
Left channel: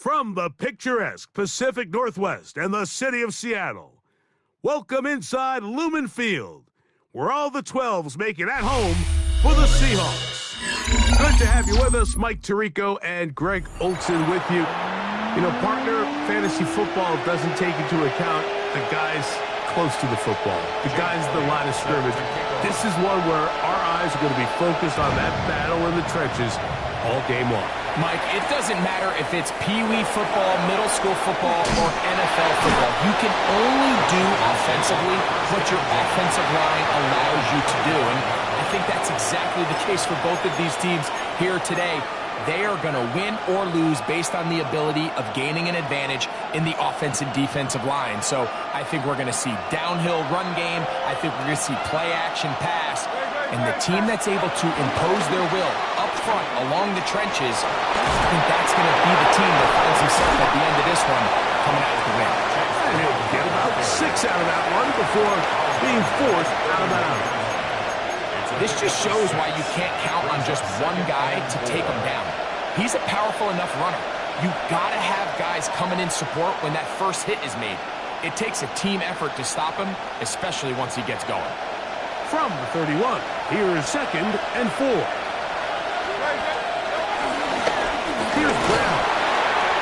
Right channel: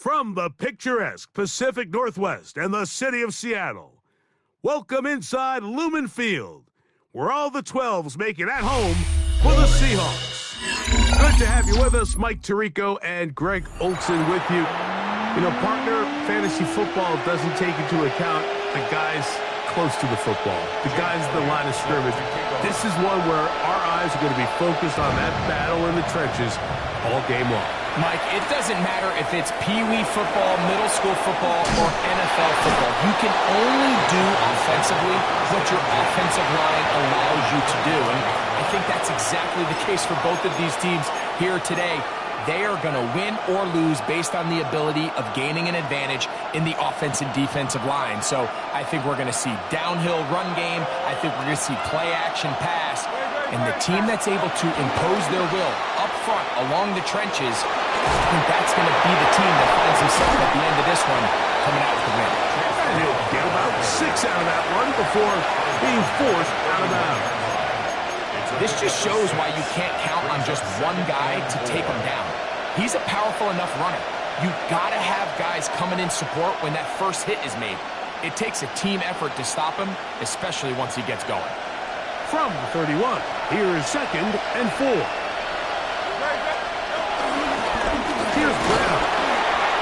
From the picturesque Pacific Northwest and the city of Seattle, welcome inside Lumen Field, where all the 12s make it at home for the Seahawks. Good to have you with us, Mike Tirico and Greg Olsen with you. You know, partner, fantasy football doesn't take into account the guys close to the football, the guys at the line of scrimmage. This is one where our eyes are going to be focused on that battle in the trenches all game long. Mike, it doesn't matter if it's Pee-wee football, middle school football, or NFL football. You can only do offensively what your offensive line allows you to do. And I think that's exactly the case for both of these teams here today. They are going to win or lose based on the ability of gaining an advantage in the offense and defensive line. So I think we're going to see downhill run game. I think we're going to see play action pass. And the team that's able to impose their will up front along the trenches, I think that's going to be the team that finds himself at the end of this one coming out with the win. And he'll get about 6 out of that one before being forced out of bounds. This just shows why you can't count on just one guy to take them down. He's a powerful enough runner. You gotta have guys coming in support when that first hit is made. It takes a team effort to stop him, especially once he gets going. From the 31, here is 2nd and 4. Here's Brown.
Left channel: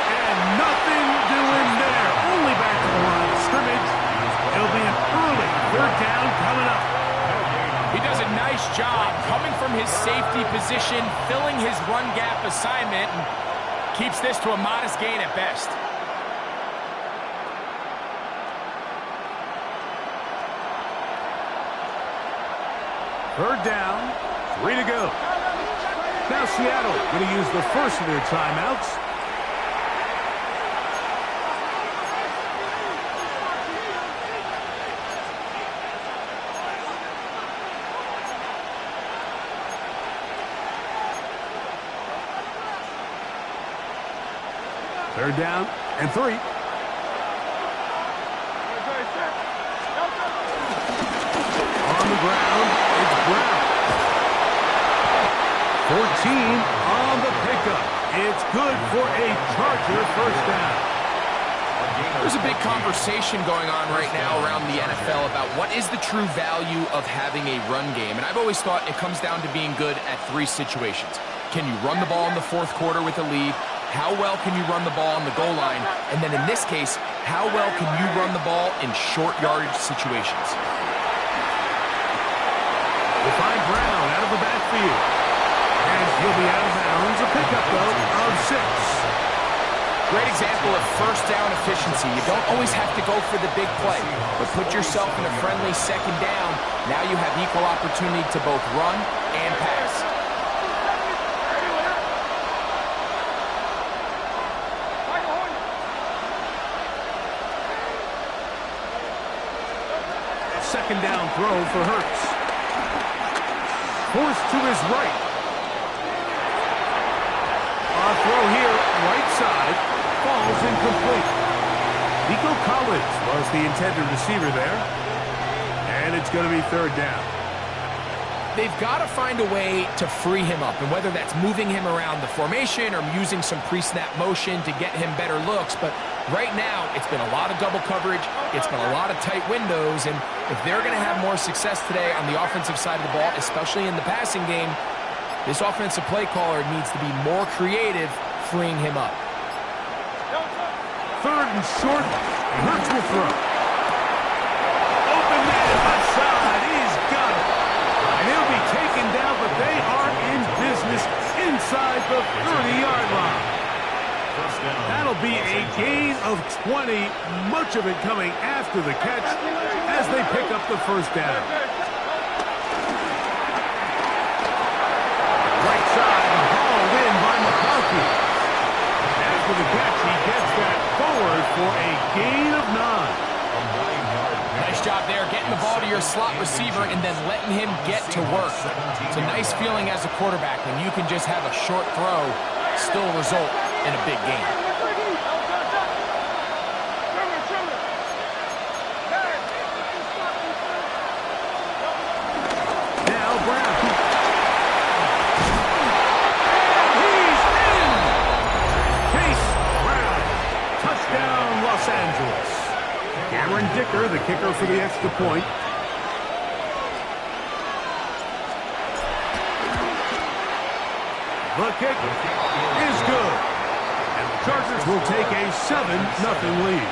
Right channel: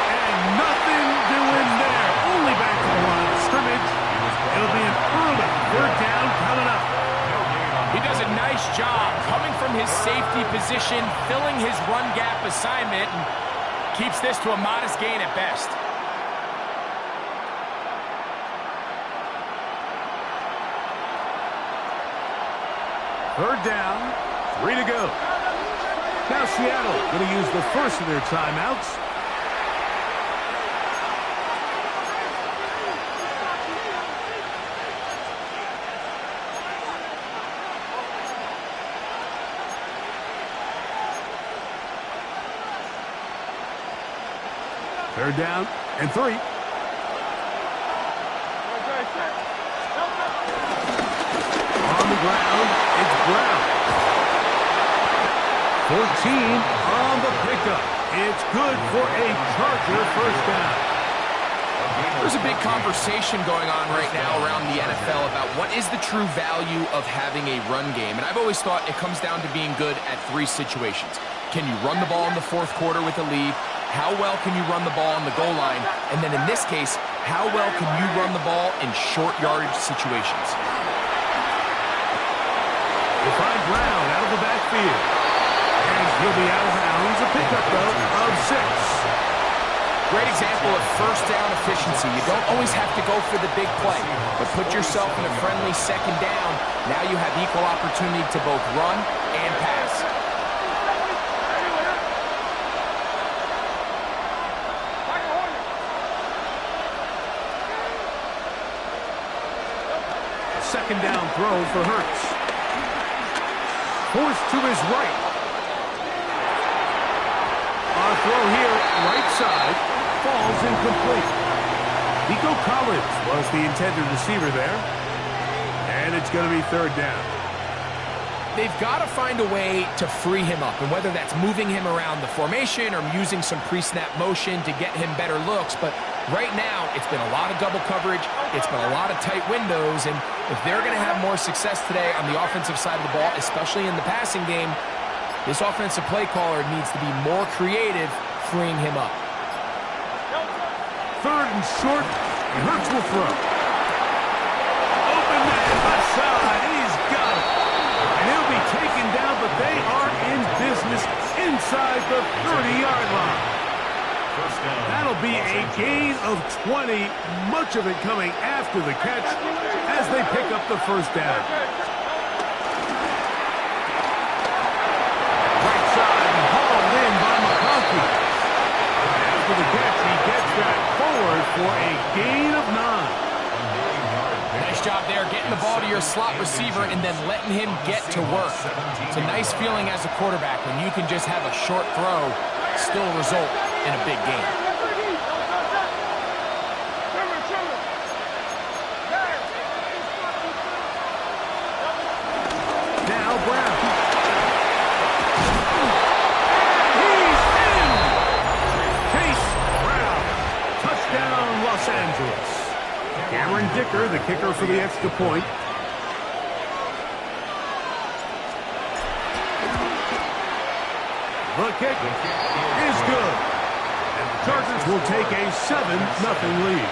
And nothing doing there. Only back to the line of scrimmage. It'll be an early 3rd down coming up. He does a nice job coming from his safety position, filling his run gap assignment, and keeps this to a modest gain at best. Third down, 3 to go. Now Seattle going to use the first of their timeouts. Third down and 3. On the ground, it's Brown. 14 on the pickup. It's good for a Charger first down. There's a big conversation going on right now around the NFL about what is the true value of having a run game. And I've always thought it comes down to being good at 3 situations. Can you run the ball in the 4th quarter with a lead? How well can you run the ball on the goal line? And then in this case, how well can you run the ball in short yardage situations? They find Brown out of the backfield. And he'll be out of bounds. A pickup, though, of 6. Great example of first down efficiency. You don't always have to go for the big play, but put yourself in a friendly 2nd down. Now you have equal opportunity to both run and pass. A 2nd down throw for Hurts. Forced to his right. A throw here, right side, falls incomplete. Nico Collins was the intended receiver there. And it's going to be 3rd down. They've got to find a way to free him up, and whether that's moving him around the formation or using some pre-snap motion to get him better looks. But right now, it's been a lot of double coverage. It's been a lot of tight windows, and if they're going to have more success today on the offensive side of the ball, especially in the passing game, this offensive play caller needs to be more creative, freeing him up. 3rd and short, and Hurts will throw. Open man, left side, he's got it. And he'll be taken down, but they are in business inside the 30-yard line. That'll be a gain of 20, much of it coming after the catch as they pick up the first down. Right side hauled in by McConkey. After the catch, he gets that forward for a gain of 9. Nice job there, getting the ball to your slot receiver and then letting him get to work. It's a nice feeling as a quarterback when you can just have a short throw still result in a big game. Now Brown. And he's in! Chase Brown. Touchdown, Los Angeles. Cameron Dicker, the kicker for the extra point. The kick is good. And the Chargers will take a 7-0 lead.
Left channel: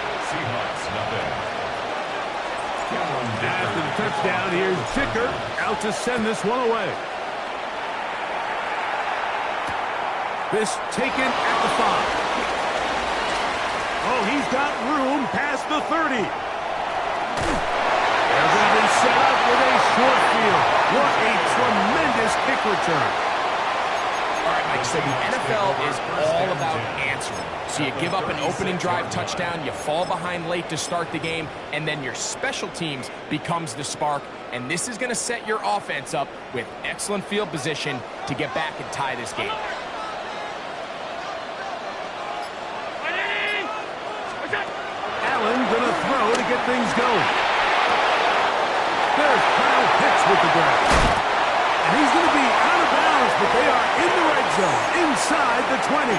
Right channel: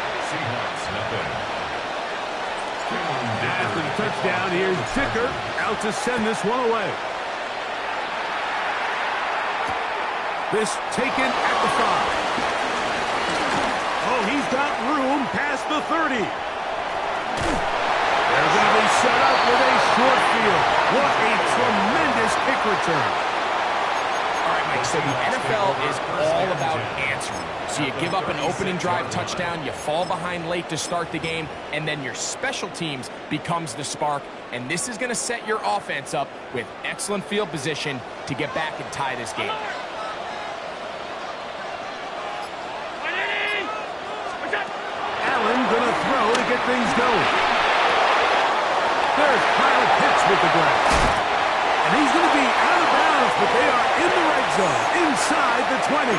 After the touchdown, here's Dicker out to send this one away. This taken at the 5. Oh, he's got room past the 30. They're going to be set up with a short field. What a tremendous kick return. All right, Mike, so the NFL is all about answering. So you give up an opening drive touchdown, you fall behind late to start the game, and then your special teams becomes the spark. And this is going to set your offense up with excellent field position to get back and tie this game. Allen gonna throw to get things going. There's Kyle Pitts with the grab. And he's gonna be out of bounds but they are in the red zone, inside the 20.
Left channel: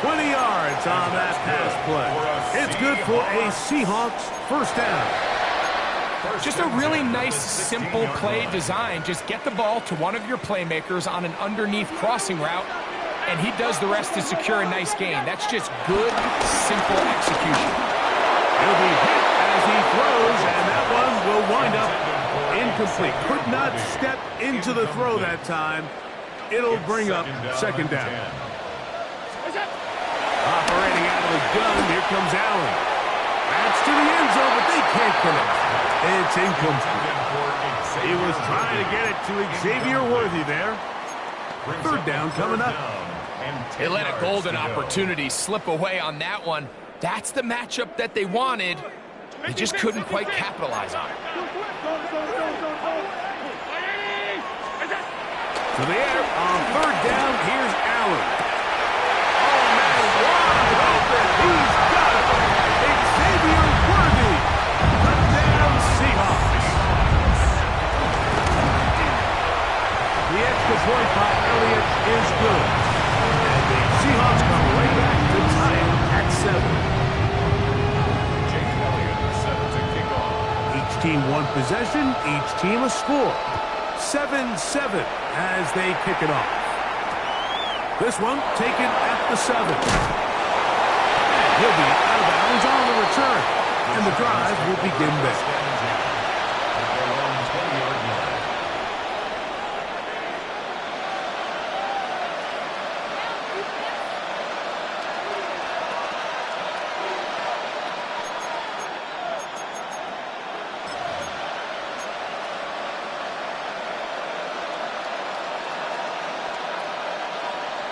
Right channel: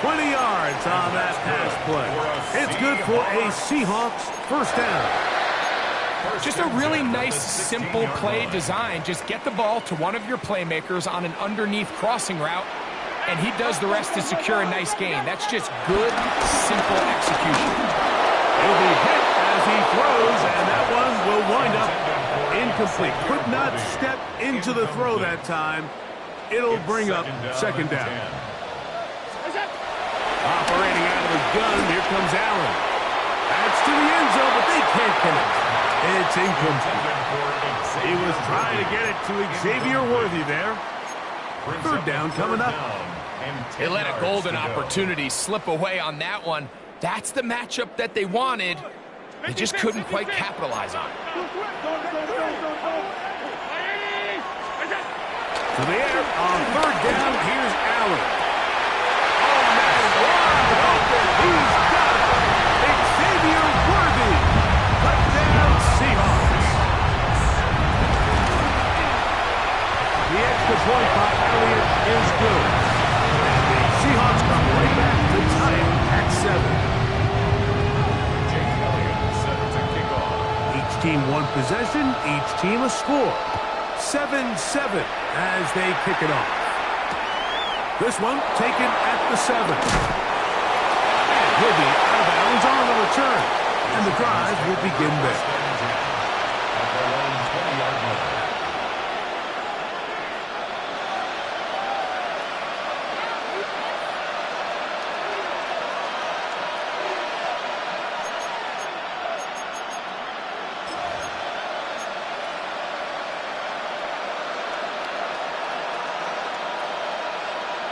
20 yards on that pass play. It's good for a Seahawks first down. Just a really nice, simple play design. Just get the ball to one of your playmakers on an underneath crossing route, and he does the rest to secure a nice gain. That's just good, simple execution. He'll be hit as he throws, and that one will wind up incomplete. Could not step into the throw that time. It'll bring up second down. Operating out of the gun, here comes Allen. That's to the end zone, but they can't connect. It's incomplete. He was trying to get it to Xavier Worthy there. Third down coming up. They let a golden opportunity slip away on that one. That's the matchup that they wanted. They just couldn't quite capitalize on it. To the air on third down, here's Allen. Oh, man, wide open. He's got it. Xavier Worthy. Touchdown, Seahawks. The extra point by Elliott is good. And the Seahawks come right back to tie it at 7. Each team one possession, each team a score. 7-7 as they kick it off. This one taken at the 7. And he'll be out of bounds on the return. And the drive will begin there. At their own 20-yard line.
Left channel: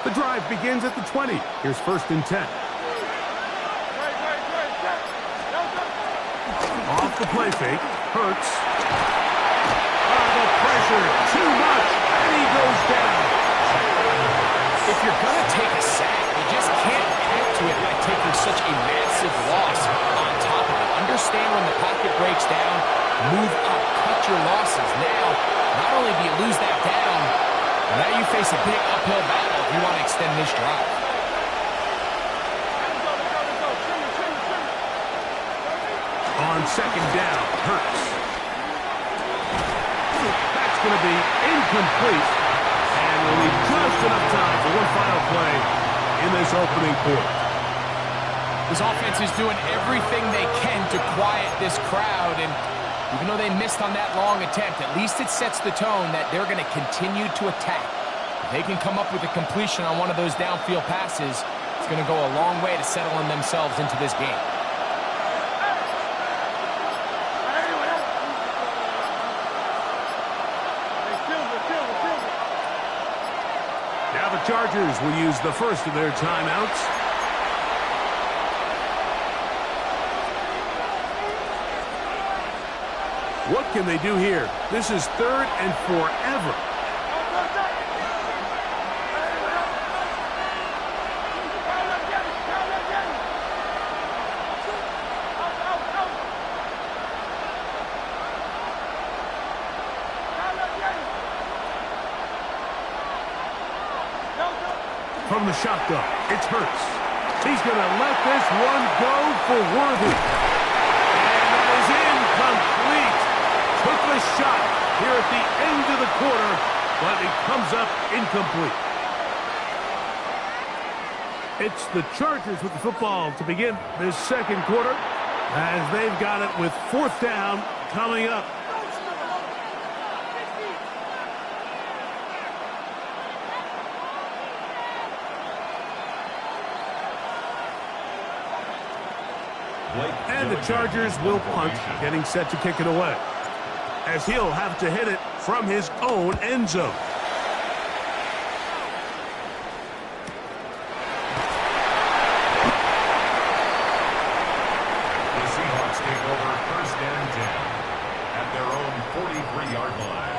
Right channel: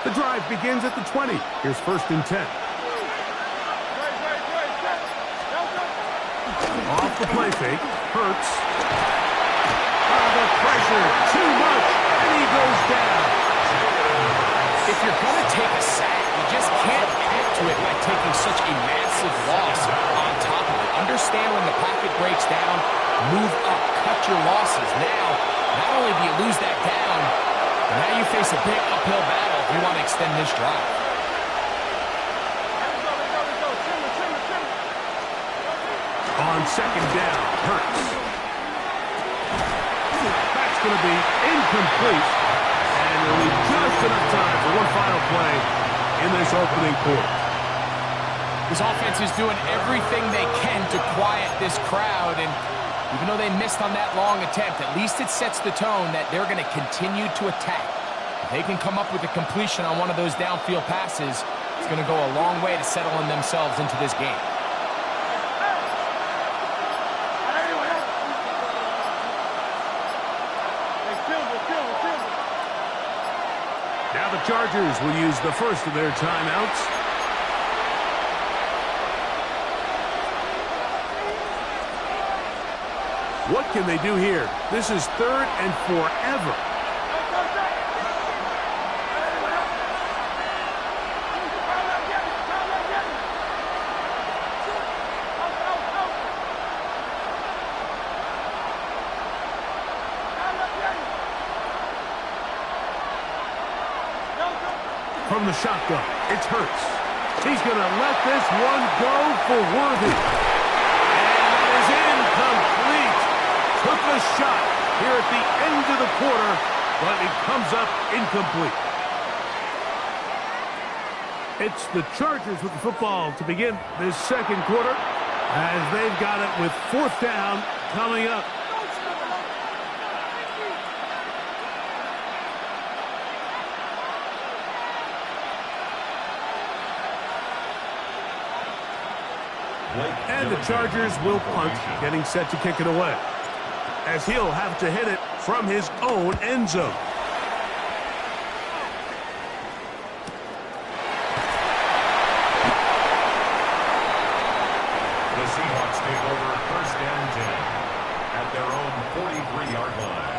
The drive begins at the 20. Here's first and 10. Off the play fake. Hurts. The pressure. Too much. And he goes down. If you're going to take a sack, you just can't add to it by taking such a massive loss on top of it. Understand when the pocket breaks down, move up, cut your losses. Now, not only do you lose that down, now you face a big uphill battle if you want to extend this drive. On second down, Hurts. That's going to be incomplete. And there'll be just enough time for one final play in this opening quarter. This offense is doing everything they can to quiet this crowd, and even though they missed on that long attempt, at least it sets the tone that they're going to continue to attack. If they can come up with a completion on one of those downfield passes, it's going to go a long way to settling themselves into this game. Now the Chargers will use the first of their timeouts. What can they do here? This is third and forever. From the shotgun, it's Hurts. He's going to let this one go for Worthy. And that is incomplete. Took the shot here at the end of the quarter, but it comes up incomplete. It's the Chargers with the football to begin this second quarter, as they've got it with fourth down coming up. And the Chargers will punt, getting set to kick it away, as he'll have to hit it from his own end zone. The Seahawks take over first and 10 at their own 43-yard line.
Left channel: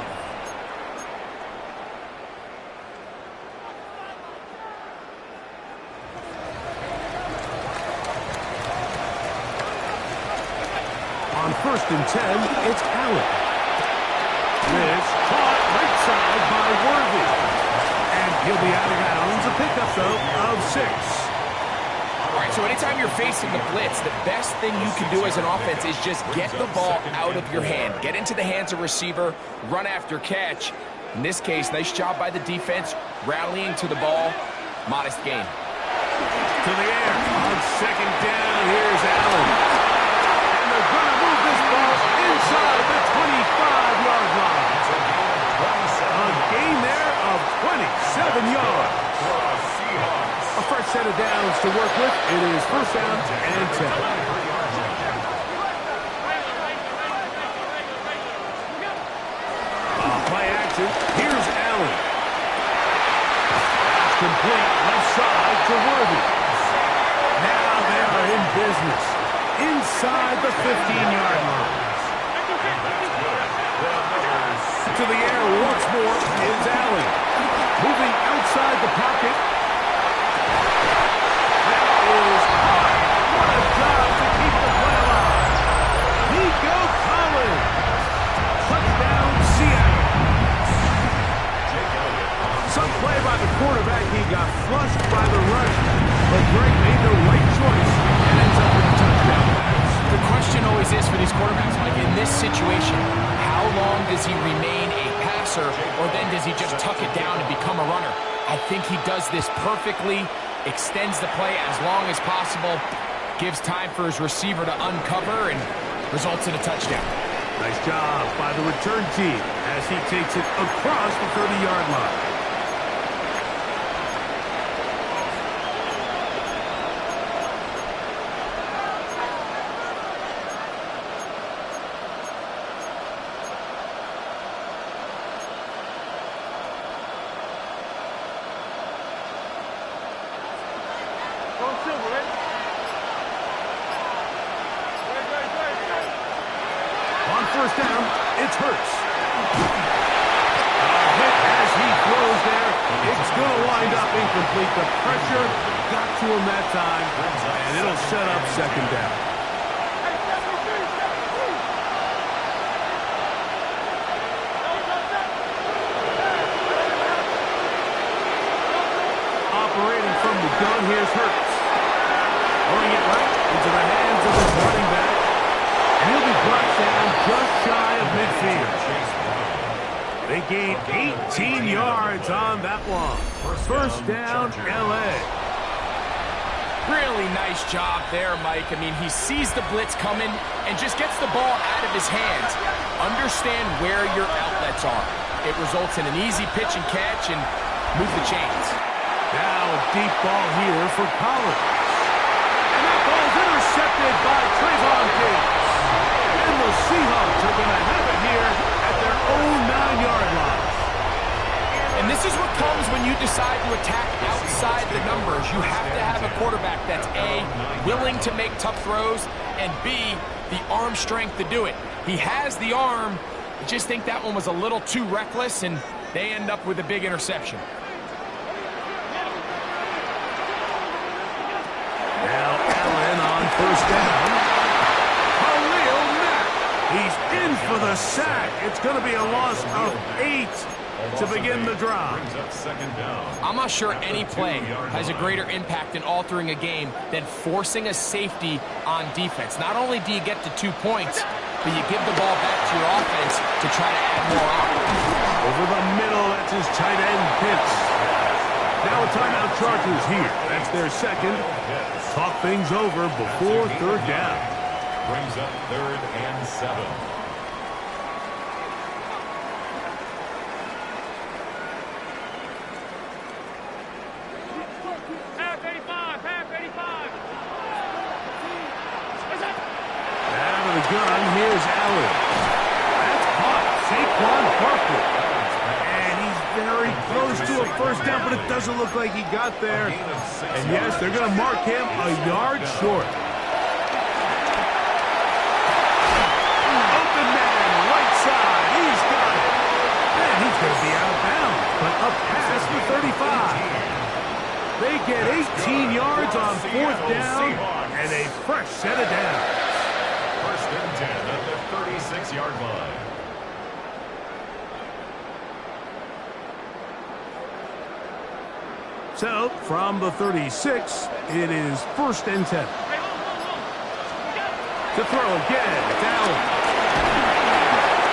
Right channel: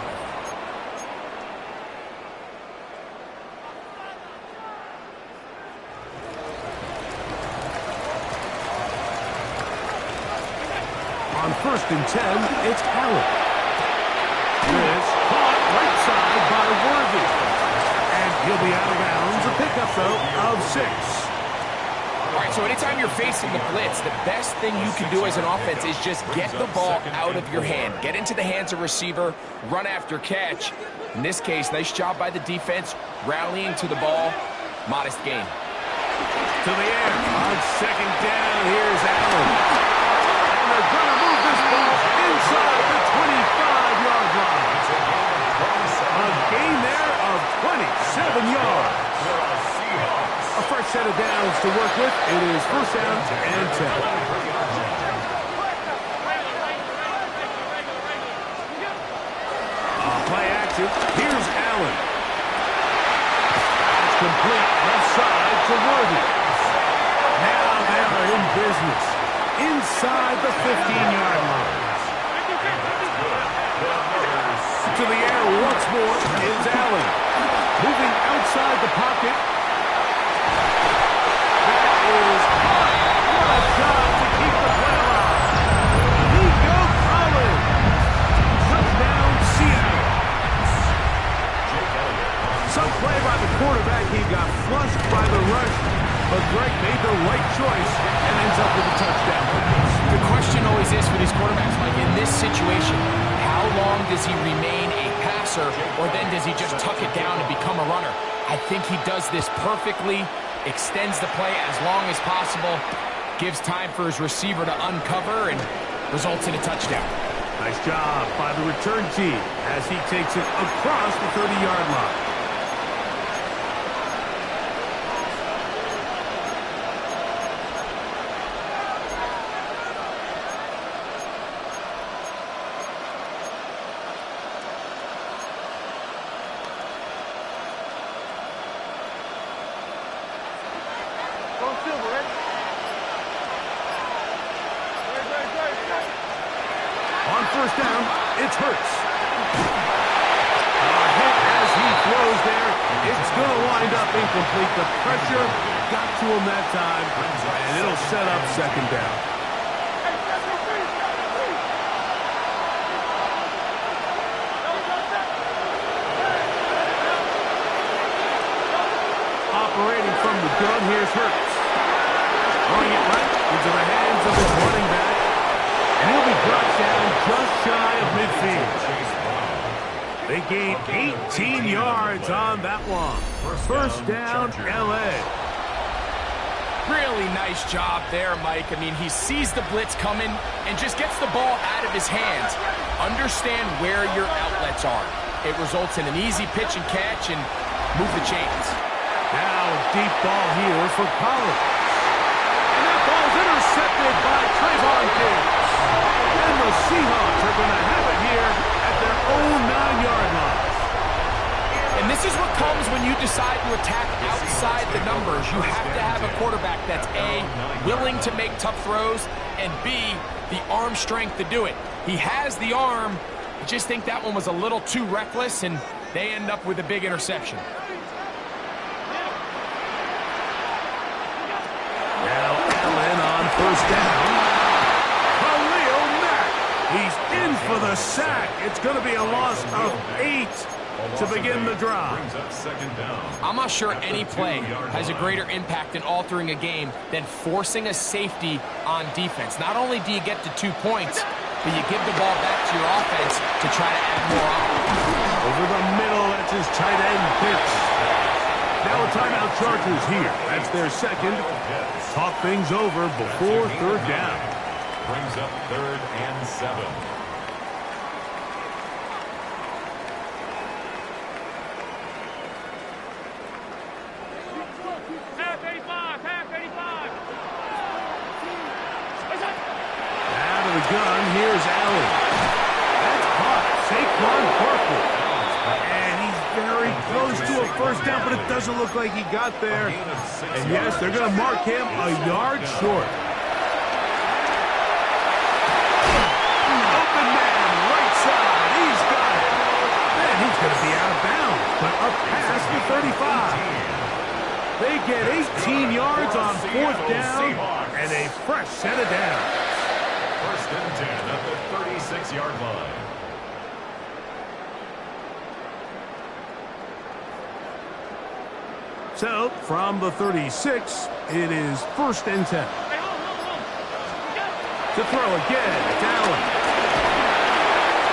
On first and 10, it's Allen. This caught right side by Worthy. He'll be out of bounds. A pickup, though, of 6. All right, so anytime you're facing the blitz, the best thing you can do as an offense is just get the ball out of your hand. Get into the hands of receiver, run after catch. In this case, nice job by the defense, rallying to the ball. Modest gain. To the air. On second down, here's Allen. And they're going to move this ball inside the 25-yard line. A gain there of 27 yards. A fresh set of downs to work with. It is first down and 10. Play action. Here's Allen. That's complete. Left side to Worthy. Now they are in business. Inside the 15-yard line. To the air once more is Allen. Moving outside the pocket. That is hard. What a job to keep the play alive. Nico Collins. Touchdown, Seattle. Some play by the quarterback. He got flushed by the rush, but Greg made the right choice and ends up with a touchdown pass. The question always is for these quarterbacks, Mike, in this situation, how long does he remain a passer, or then does he just tuck it down and become a runner? I think he does this perfectly, extends the play as long as possible, gives time for his receiver to uncover, and results in a touchdown. Nice job by the return team as he takes it across the 30-yard line. Go Silver, ready? On first down, it's Hurts. A hit as he throws there. It's going to wind up incomplete. The pressure got to him that time, and it'll set up second down. Operating from the gun, here's Hurts. Throwing it right into the hands of his running back. And he'll be brought down just shy of midfield. They gain 18 yards on that one. First down, L.A. Really nice job there, Mike. I mean, he sees the blitz coming and just gets the ball out of his hands. Understand where your outlets are. It results in an easy pitch and catch and move the chains. Now a deep ball here for Collins. And that ball's intercepted by Trayvon Diggs. And the Seahawks are going to have it here at their own 9-yard line. And this is what comes when you decide to attack outside the numbers. You have to have a quarterback that's A, willing to make tough throws, and B, the arm strength to do it. He has the arm. I just think that one was a little too reckless, and they end up with a big interception. Now Allen on first down. Khalil Mack. He's in for the sack. It's going to be a loss of 8 to begin the drive. I'm not sure any play has a greater impact in altering a game than forcing a safety on defense. Not only do you get to 2 points, but you give the ball back to your offense to try to add more on. Over the middle, that's his tight end, Pitts. Now a timeout, Chargers here. That's their second. Talk things over before third down. Brings up 3rd and 7. Half 85, half 85. Out of the gun, here's Allen. That's caught. Saquon Barkley. And he's very close to a first down, but it doesn't look like he got there. And yes, they're going to mark him a yard short. Open man, right side. He's got it. And he's going to be out of bounds, but up past the 35. They get 18 yards on fourth down and a fresh set of downs. 1st and 10 at the 36-yard line. So, from the 36, it is 1st and 10. To throw again, it's Allen.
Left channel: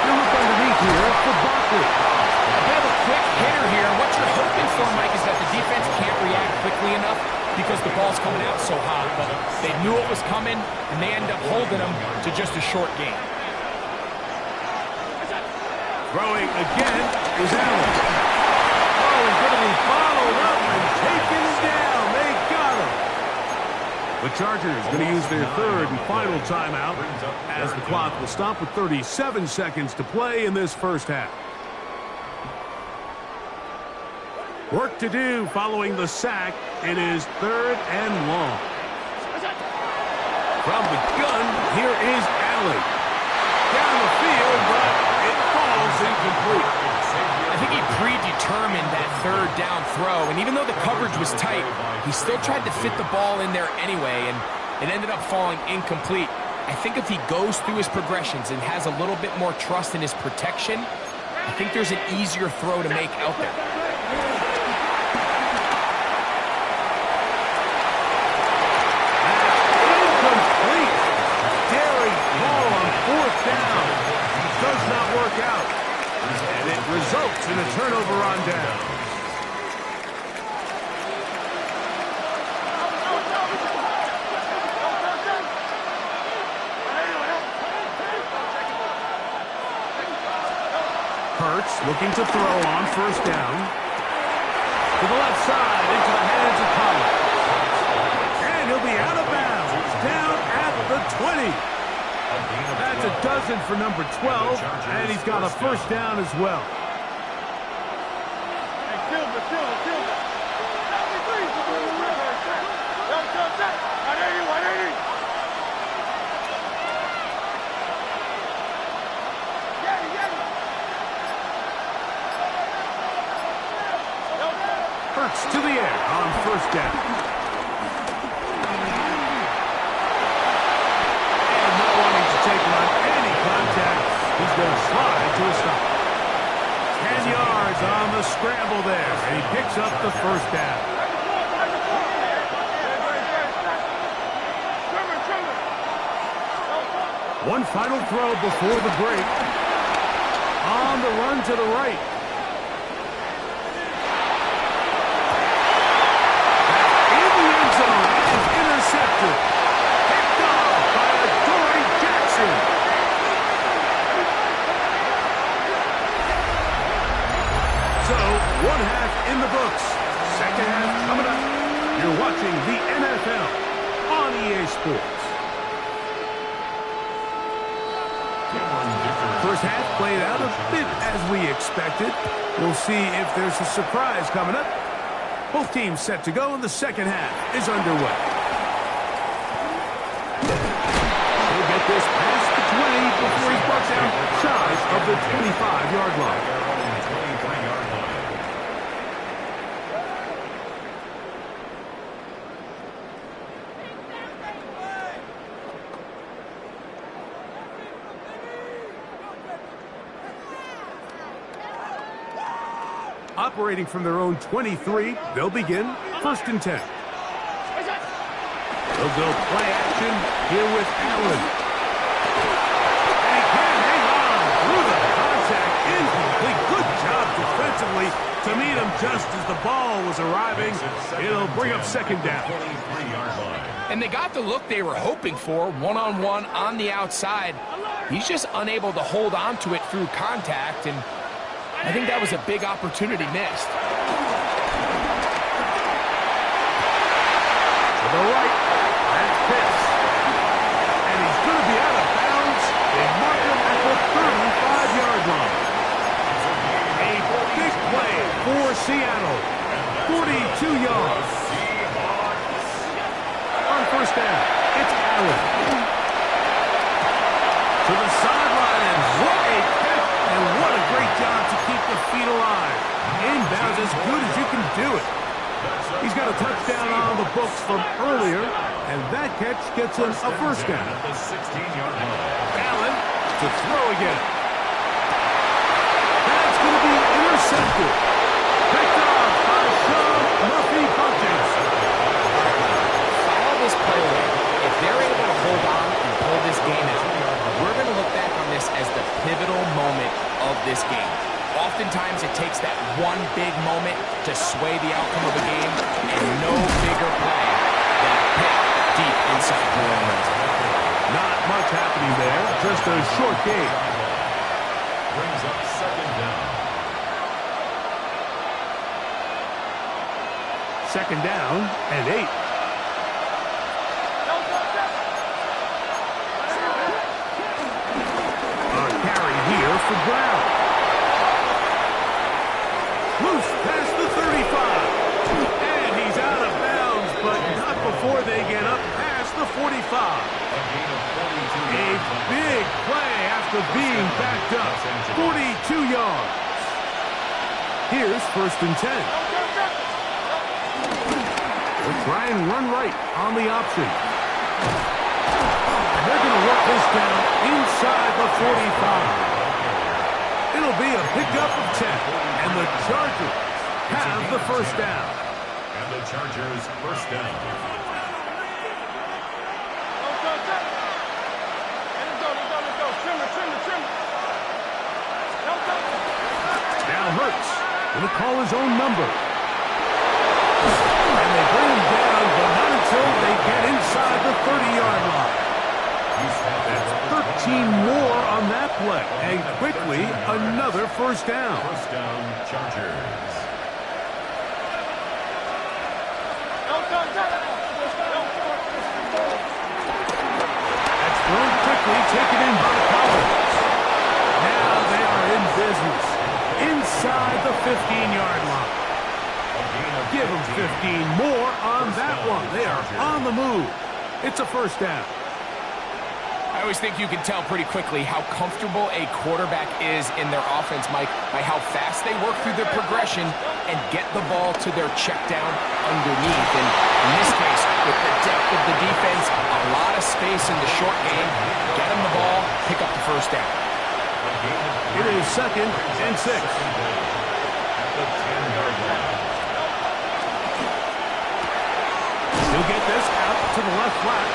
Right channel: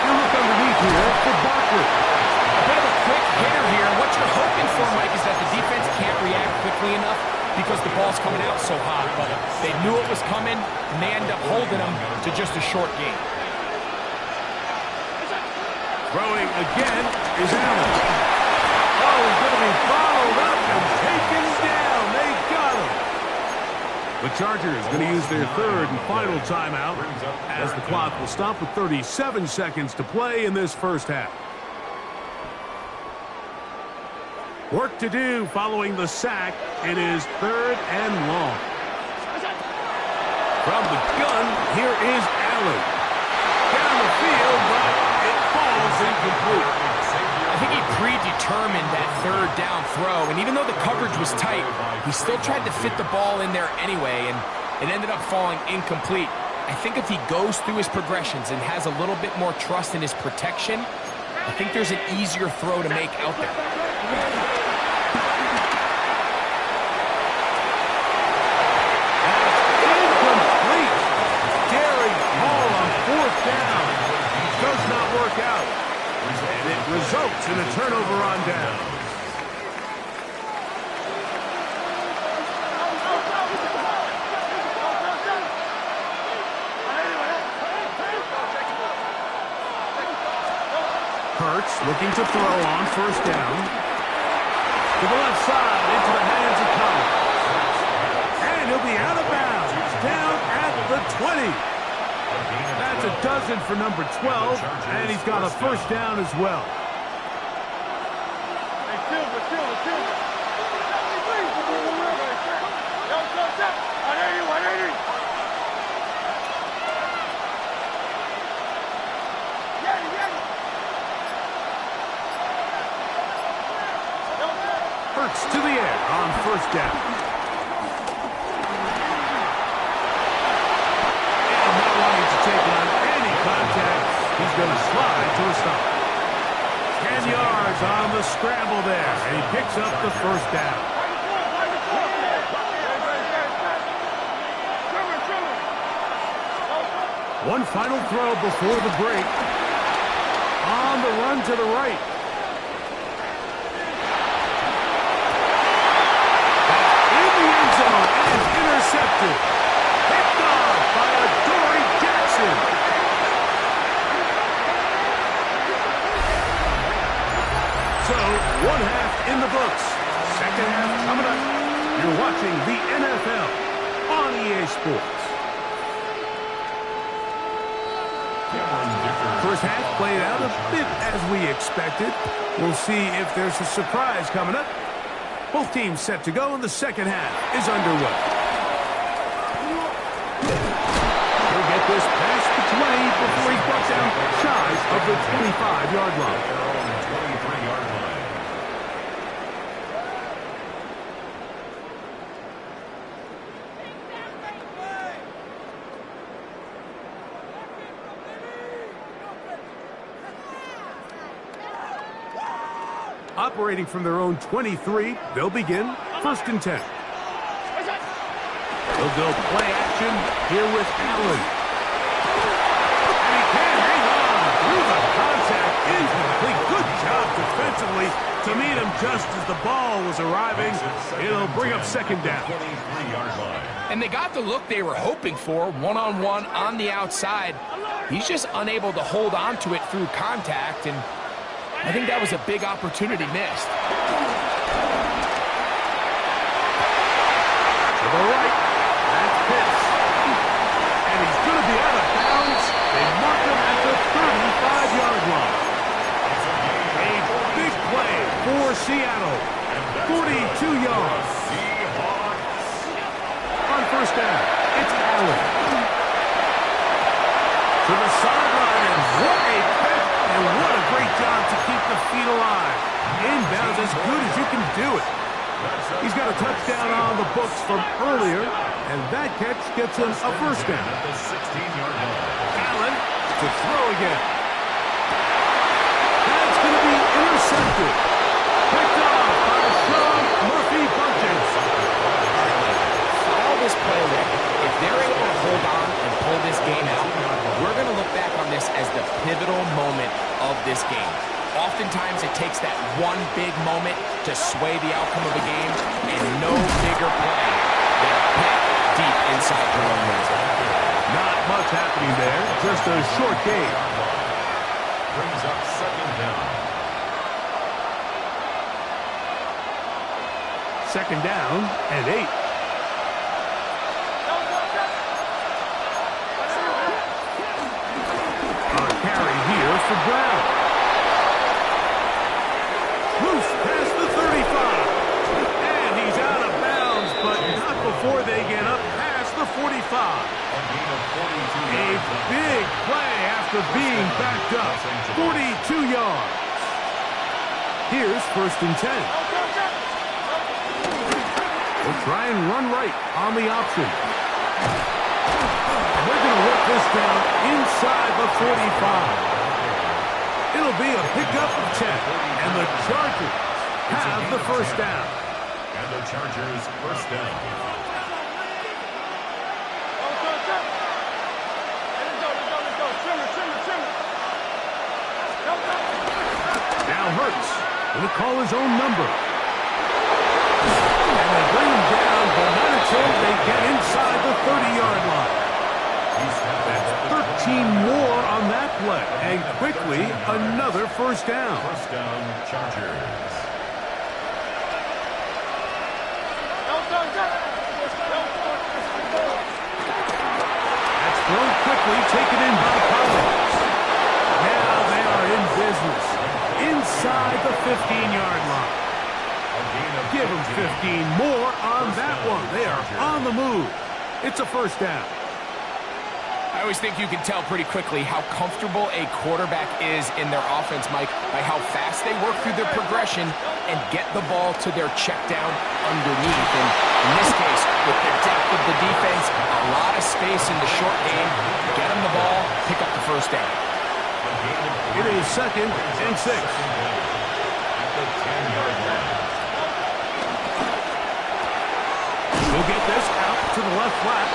You look underneath here for Barkley. A bit of a quick hitter here, and what you're hoping for, Mike, is that the defense can't react quickly enough because the ball's coming out so hot. But they knew it was coming, and they end up holding them to just a short game. Throwing again is Allen. Oh, he's going to be followed up and taken down. They got him. The Chargers going to use their 3rd and final timeout as the clock will stop with 37 seconds to play in this first half. Work to do following the sack. It is 3rd and long. From the gun, here is Allen. Down the field, but it falls incomplete. I think he predetermined that 3rd down throw, and even though the coverage was tight, he still tried to fit the ball in there anyway, and it ended up falling incomplete. I think if he goes through his progressions and has a little bit more trust in his protection, I think there's an easier throw to make out there. Down. Does not work out. And it results in a turnover on down. Hurts looking to throw on 1st down. To the left side, into the hands of Collins. And he'll be out of bounds. Down at the 20. That's a dozen for number 12, and he's got a 1st down as well. Hey, Silver. 73. 180. Hurts to the air on 1st down. Take on any contact, he's going to slide to a stop. 10 yards on the scramble there, and he picks up the 1st down. One final throw before the break. On the run to the right. That's in the end zone and intercepted. Picked off by Adoree Jackson. So, 1 half in the books. 2nd half coming up. You're watching the NFL on EA Sports. 1st half played out a bit as we expected. We'll see if there's a surprise coming up. Both teams set to go, and the 2nd half is underway. He'll get this past the 20 before he's brought down shy of the 25-yard line. Their own 23-yard line. Operating from their own 23, they'll begin 1st and 10. They'll go play action here with Allen. And he can't hang on through the contact. Incomplete. Good job defensively to meet him just as the ball was arriving. It'll bring up 2nd down. And they got the look they were hoping for, one-on-one on the outside. He's just unable to hold on to it through contact, and I think that was a big opportunity missed. To the right, that's Pitts. And he's going to be out of bounds. They mark him at the 35-yard line. A big play for Seattle. 42 yards. On 1st down, it's Allen. To the sideline, and what a catch, and what a great job to keep the feet alive. Inbounds as good as you can do it. He's got a touchdown on the books from earlier, and that catch gets him a 1st down. Allen to throw again. That's going to be intercepted. Picked off by Sean Murphy hold on and pull this game out, we're going to look back on this as the pivotal moment of this game. Oftentimes, it takes that one big moment to sway the outcome of a game, and no bigger play than a pick deep inside your own red zone. Not much happening there, just a short game. Brings up second down. Second down and 8. A carry here for Brown. Loose past the 35. And he's out of bounds, but not before they get up past the 45. A big play after being backed up. 42 yards. Here's 1st and 10. They'll try and run right on the option. And they're going to work this down inside the 45. It'll be a pickup of 10, and the Chargers have the first down. And the Chargers first down. Now Hurts going to call his own number. And they bring him down, but not until they get inside the 30-yard line. That's 13 more on that play, and quickly another first down. First down, Chargers. That's thrown quickly, taken in by Collins. Now they are in business inside the 15-yard line. Give them 15 more on that one. They are on the move. It's a first down. I always think you can tell pretty quickly how comfortable a quarterback is in their offense, Mike, by how fast they work through their progression and get the ball to their check down underneath. And in this case, with the depth of the defense, a lot of space in the short game, get them the ball, pick up the first down. It is 2nd and 6. At the 10-yard line. He'll get this out to the left flat,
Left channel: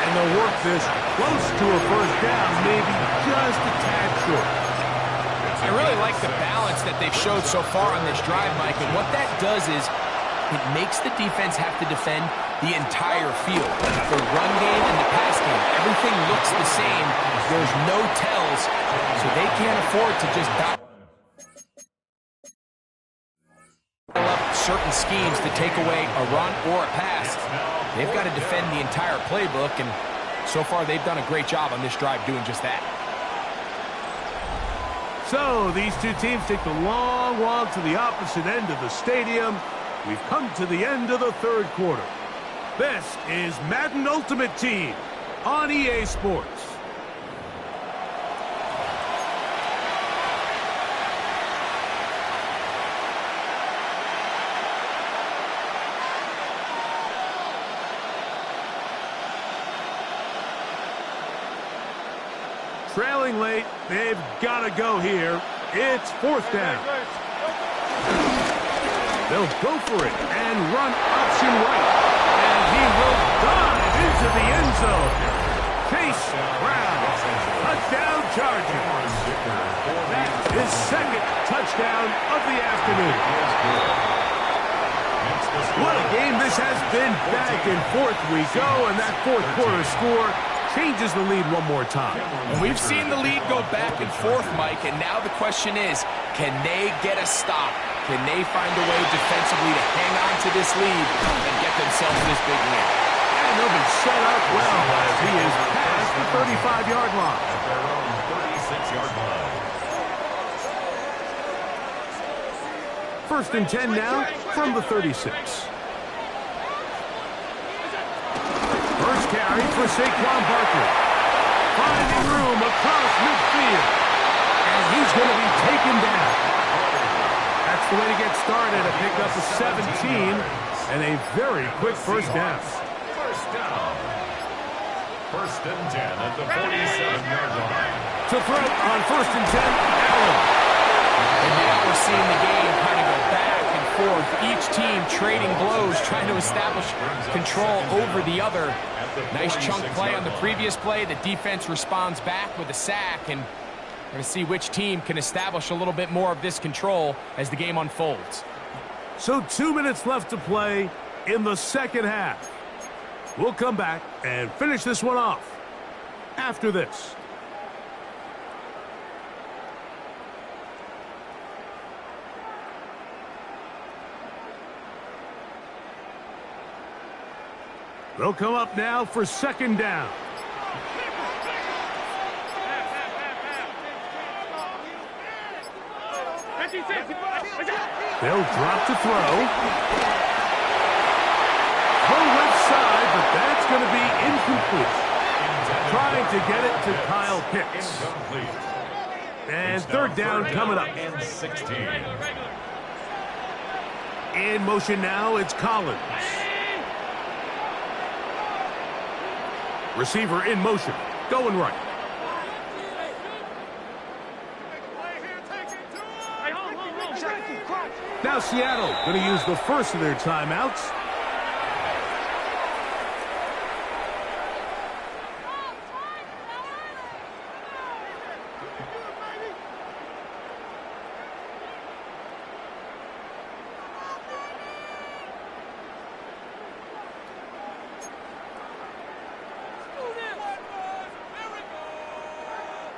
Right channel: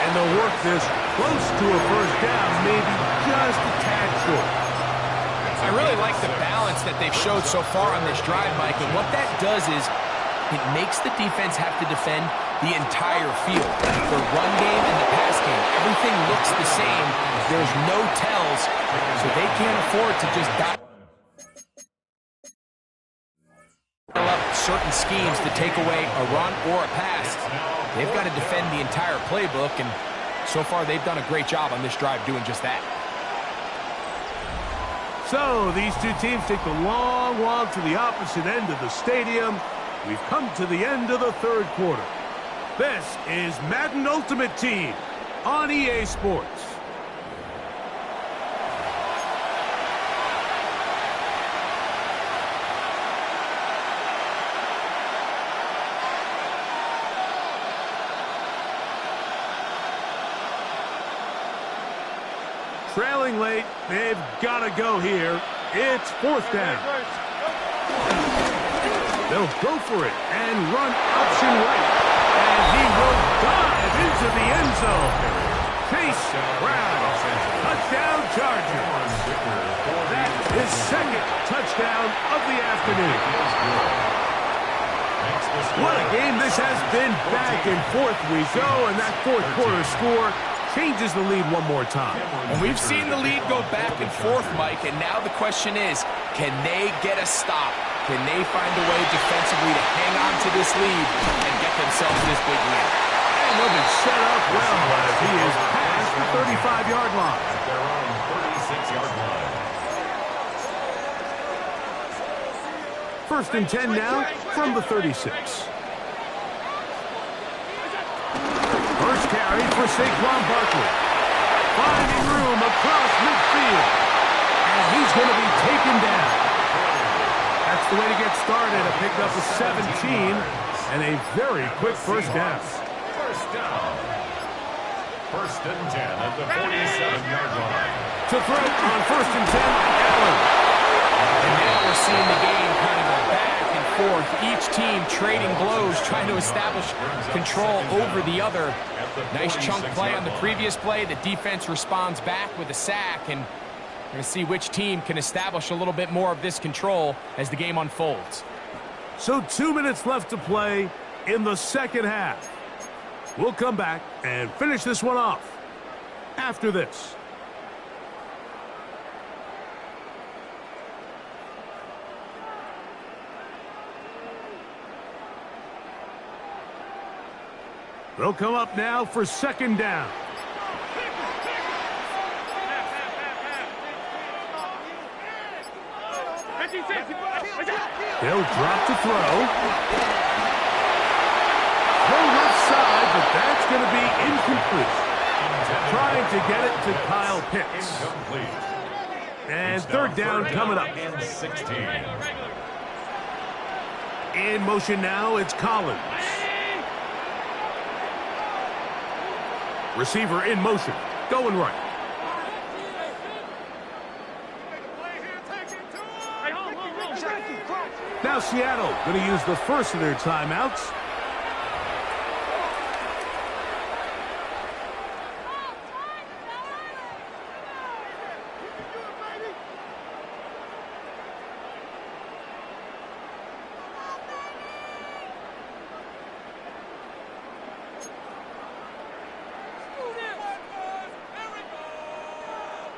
and they'll work this close to a first down, maybe just a tad short. I really like the balance that they've showed so far on this drive, Mike, and what that does is it makes the defense have to defend the entire field. The run game and the pass game, everything looks the same. There's no tells, so they can't afford to just dial up certain schemes to take away a run or a pass. They've got to defend the entire playbook, and so far they've done a great job on this drive doing just that. So these two teams take the long walk to the opposite end of the stadium. We've come to the end of the third quarter. This is Madden Ultimate Team on EA Sports. Trailing late, they've got to go here. It's 4th down. They'll go for it and run option right. And he will dive into the end zone. Chase Brown, touchdown Chargers. That is 2nd touchdown of the afternoon. What a game this has been. Back and forth we go, and that 4th quarter score changes the lead one more time. And we've seen the lead go back and forth, Mike, and now the question is, can they get a stop? Can they find a way defensively to hang on to this lead and get themselves this big win? And they'll be set up well as he is past the 35-yard line. At their own 36-yard line. 1st and 10 now from the 36. First carry for Saquon Barkley. Finding room across midfield. And he's going to be taken down. That's the way to get started. A pickup of 17 and a very quick first down. First down. 1st and 10 at the 47-yard line. To throw on 1st and 10, Allen. And now we're seeing the game kind of go back and forth of each team trading blows, trying to establish control over the other. Nice chunk play on the previous play. The defense responds back with a sack, and we're going to see which team can establish a little bit more of this control as the game unfolds. So 2 minutes left to play in the second half. We'll come back and finish this one off after this. They'll come up now for second down. They'll drop to throw. Throw left side, but that's going to be incomplete. Trying to get it to Kyle Pitts. And third down coming up. And 16. In motion now, it's Collins. Receiver in motion, going right. Now Seattle going to use the first of their timeouts.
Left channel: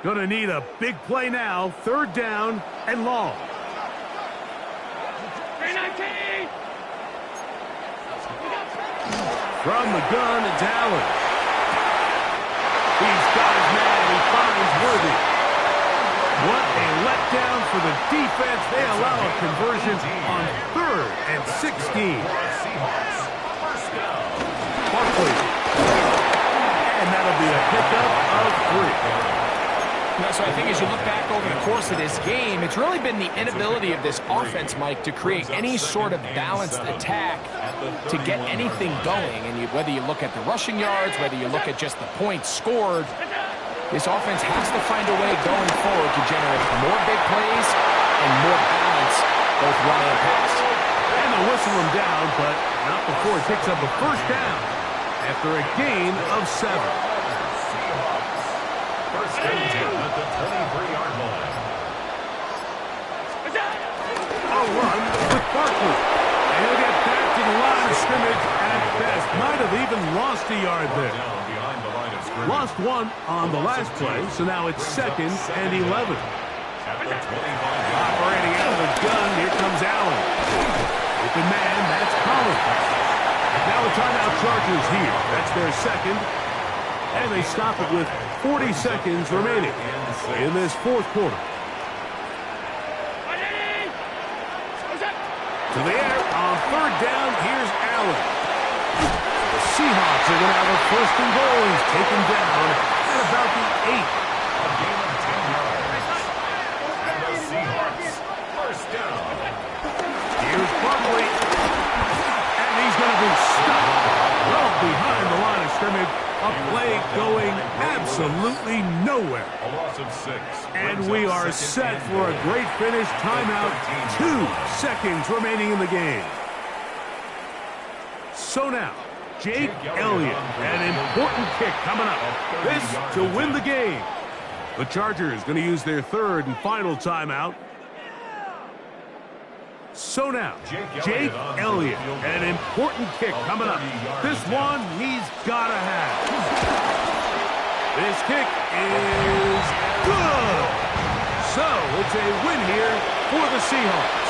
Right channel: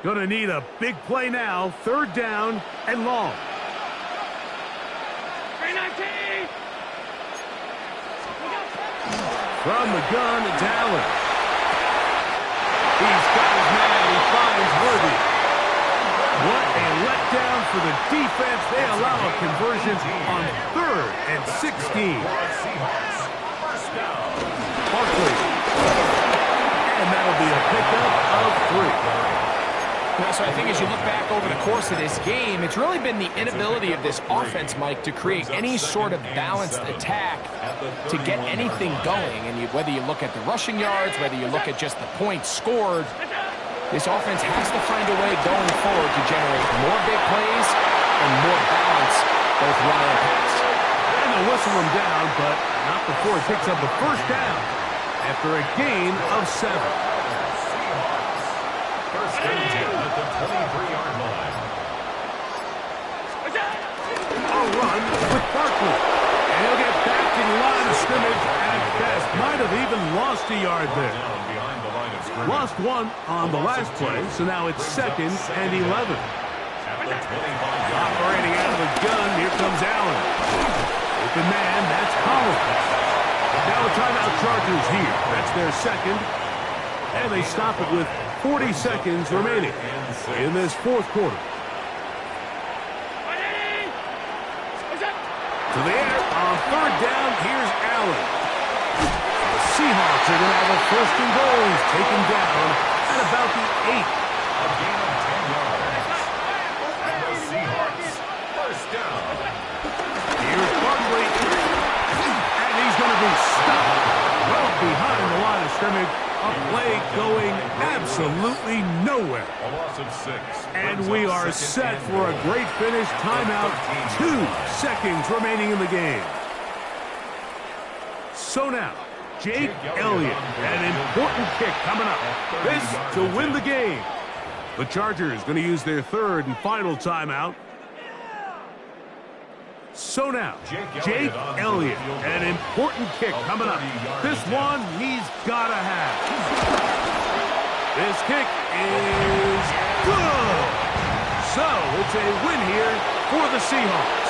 Going to need a big play now. Third down and long. From the gun, it's Allen. He's got his man. He finds Worthy. What a letdown for the defense. They allow a conversion on 3rd and 16. Barkley. And that'll be a pickup of 3. So I think as you look back over the course of this game, it's really been the inability of this offense, Mike, to create any sort of balanced attack to get anything going. And whether you look at the rushing yards, whether you look at just the points scored, this offense has to find a way going forward to generate more big plays and more balance, both run and pass. And they'll whistle him down, but not before he picks up a first down after a gain of 7. First and 10 at the 23-yard line. A run with Barkley. And he'll get back to the line of scrimmage at best. Might have even lost a yard there. Down behind the line of scrimmage. Lost 1 on the last play, so now it's 2nd and 11. At the 25-yard line. Operating out of the gun, here comes Allen. Open man, that's Collins. Now a timeout Chargers here. That's their second. And they stop it with 40 seconds remaining in this fourth quarter. To the air on 3rd down, here's Allen. The Seahawks are going to have a 1st and goal. He's taken down at about the 8. A gain of 10 yards. And the Seahawks, 1st down. Here's Barkley. And he's going to be stopped well behind the line of scrimmage. A play going absolutely nowhere. A loss of 6. And we are set for a great finish. Timeout. 2 seconds remaining in the game. So now, Jake Elliott. An important kick coming up. This to win the game. The Chargers going to use their 3rd and final timeout. So now, Jake Elliott, an important kick coming up. This one he's got to have. This kick is good. So it's a win here for the Seahawks.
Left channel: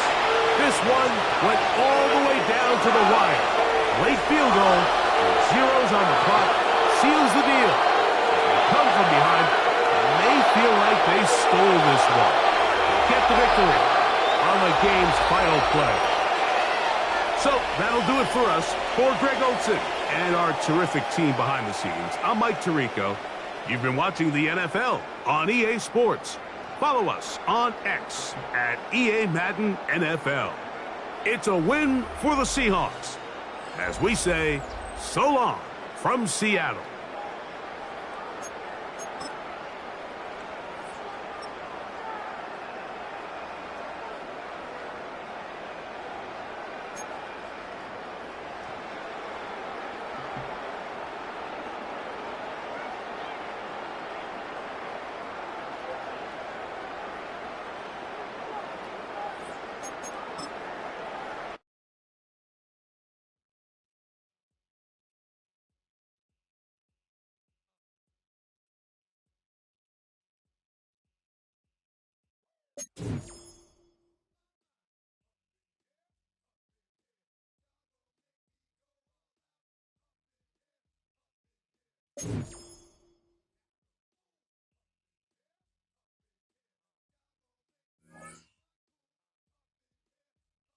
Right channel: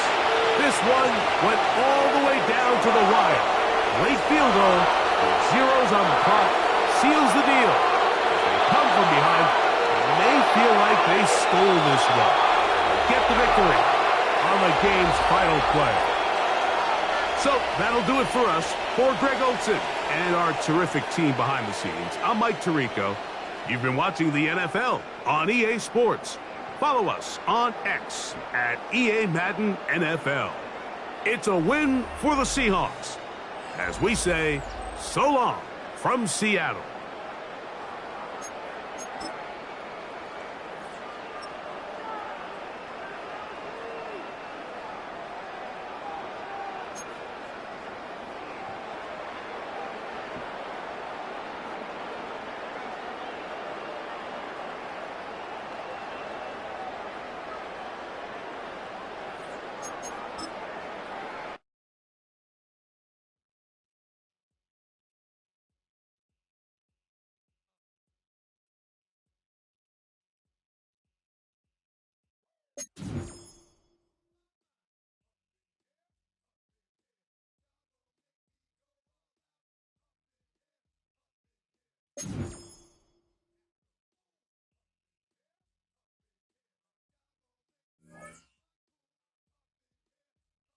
This one went all the way down to the wire. Late field goal, with zeros on the clock, seals the deal. As they come from behind, they may feel like they stole this one. They get the victory on the game's final play. So that'll do it for us. For Greg Olsen and our terrific team behind the scenes, I'm Mike Tirico. You've been watching the NFL on EA Sports. Follow us on X at EA Madden NFL. It's a win for the Seahawks. As we say, so long from Seattle. you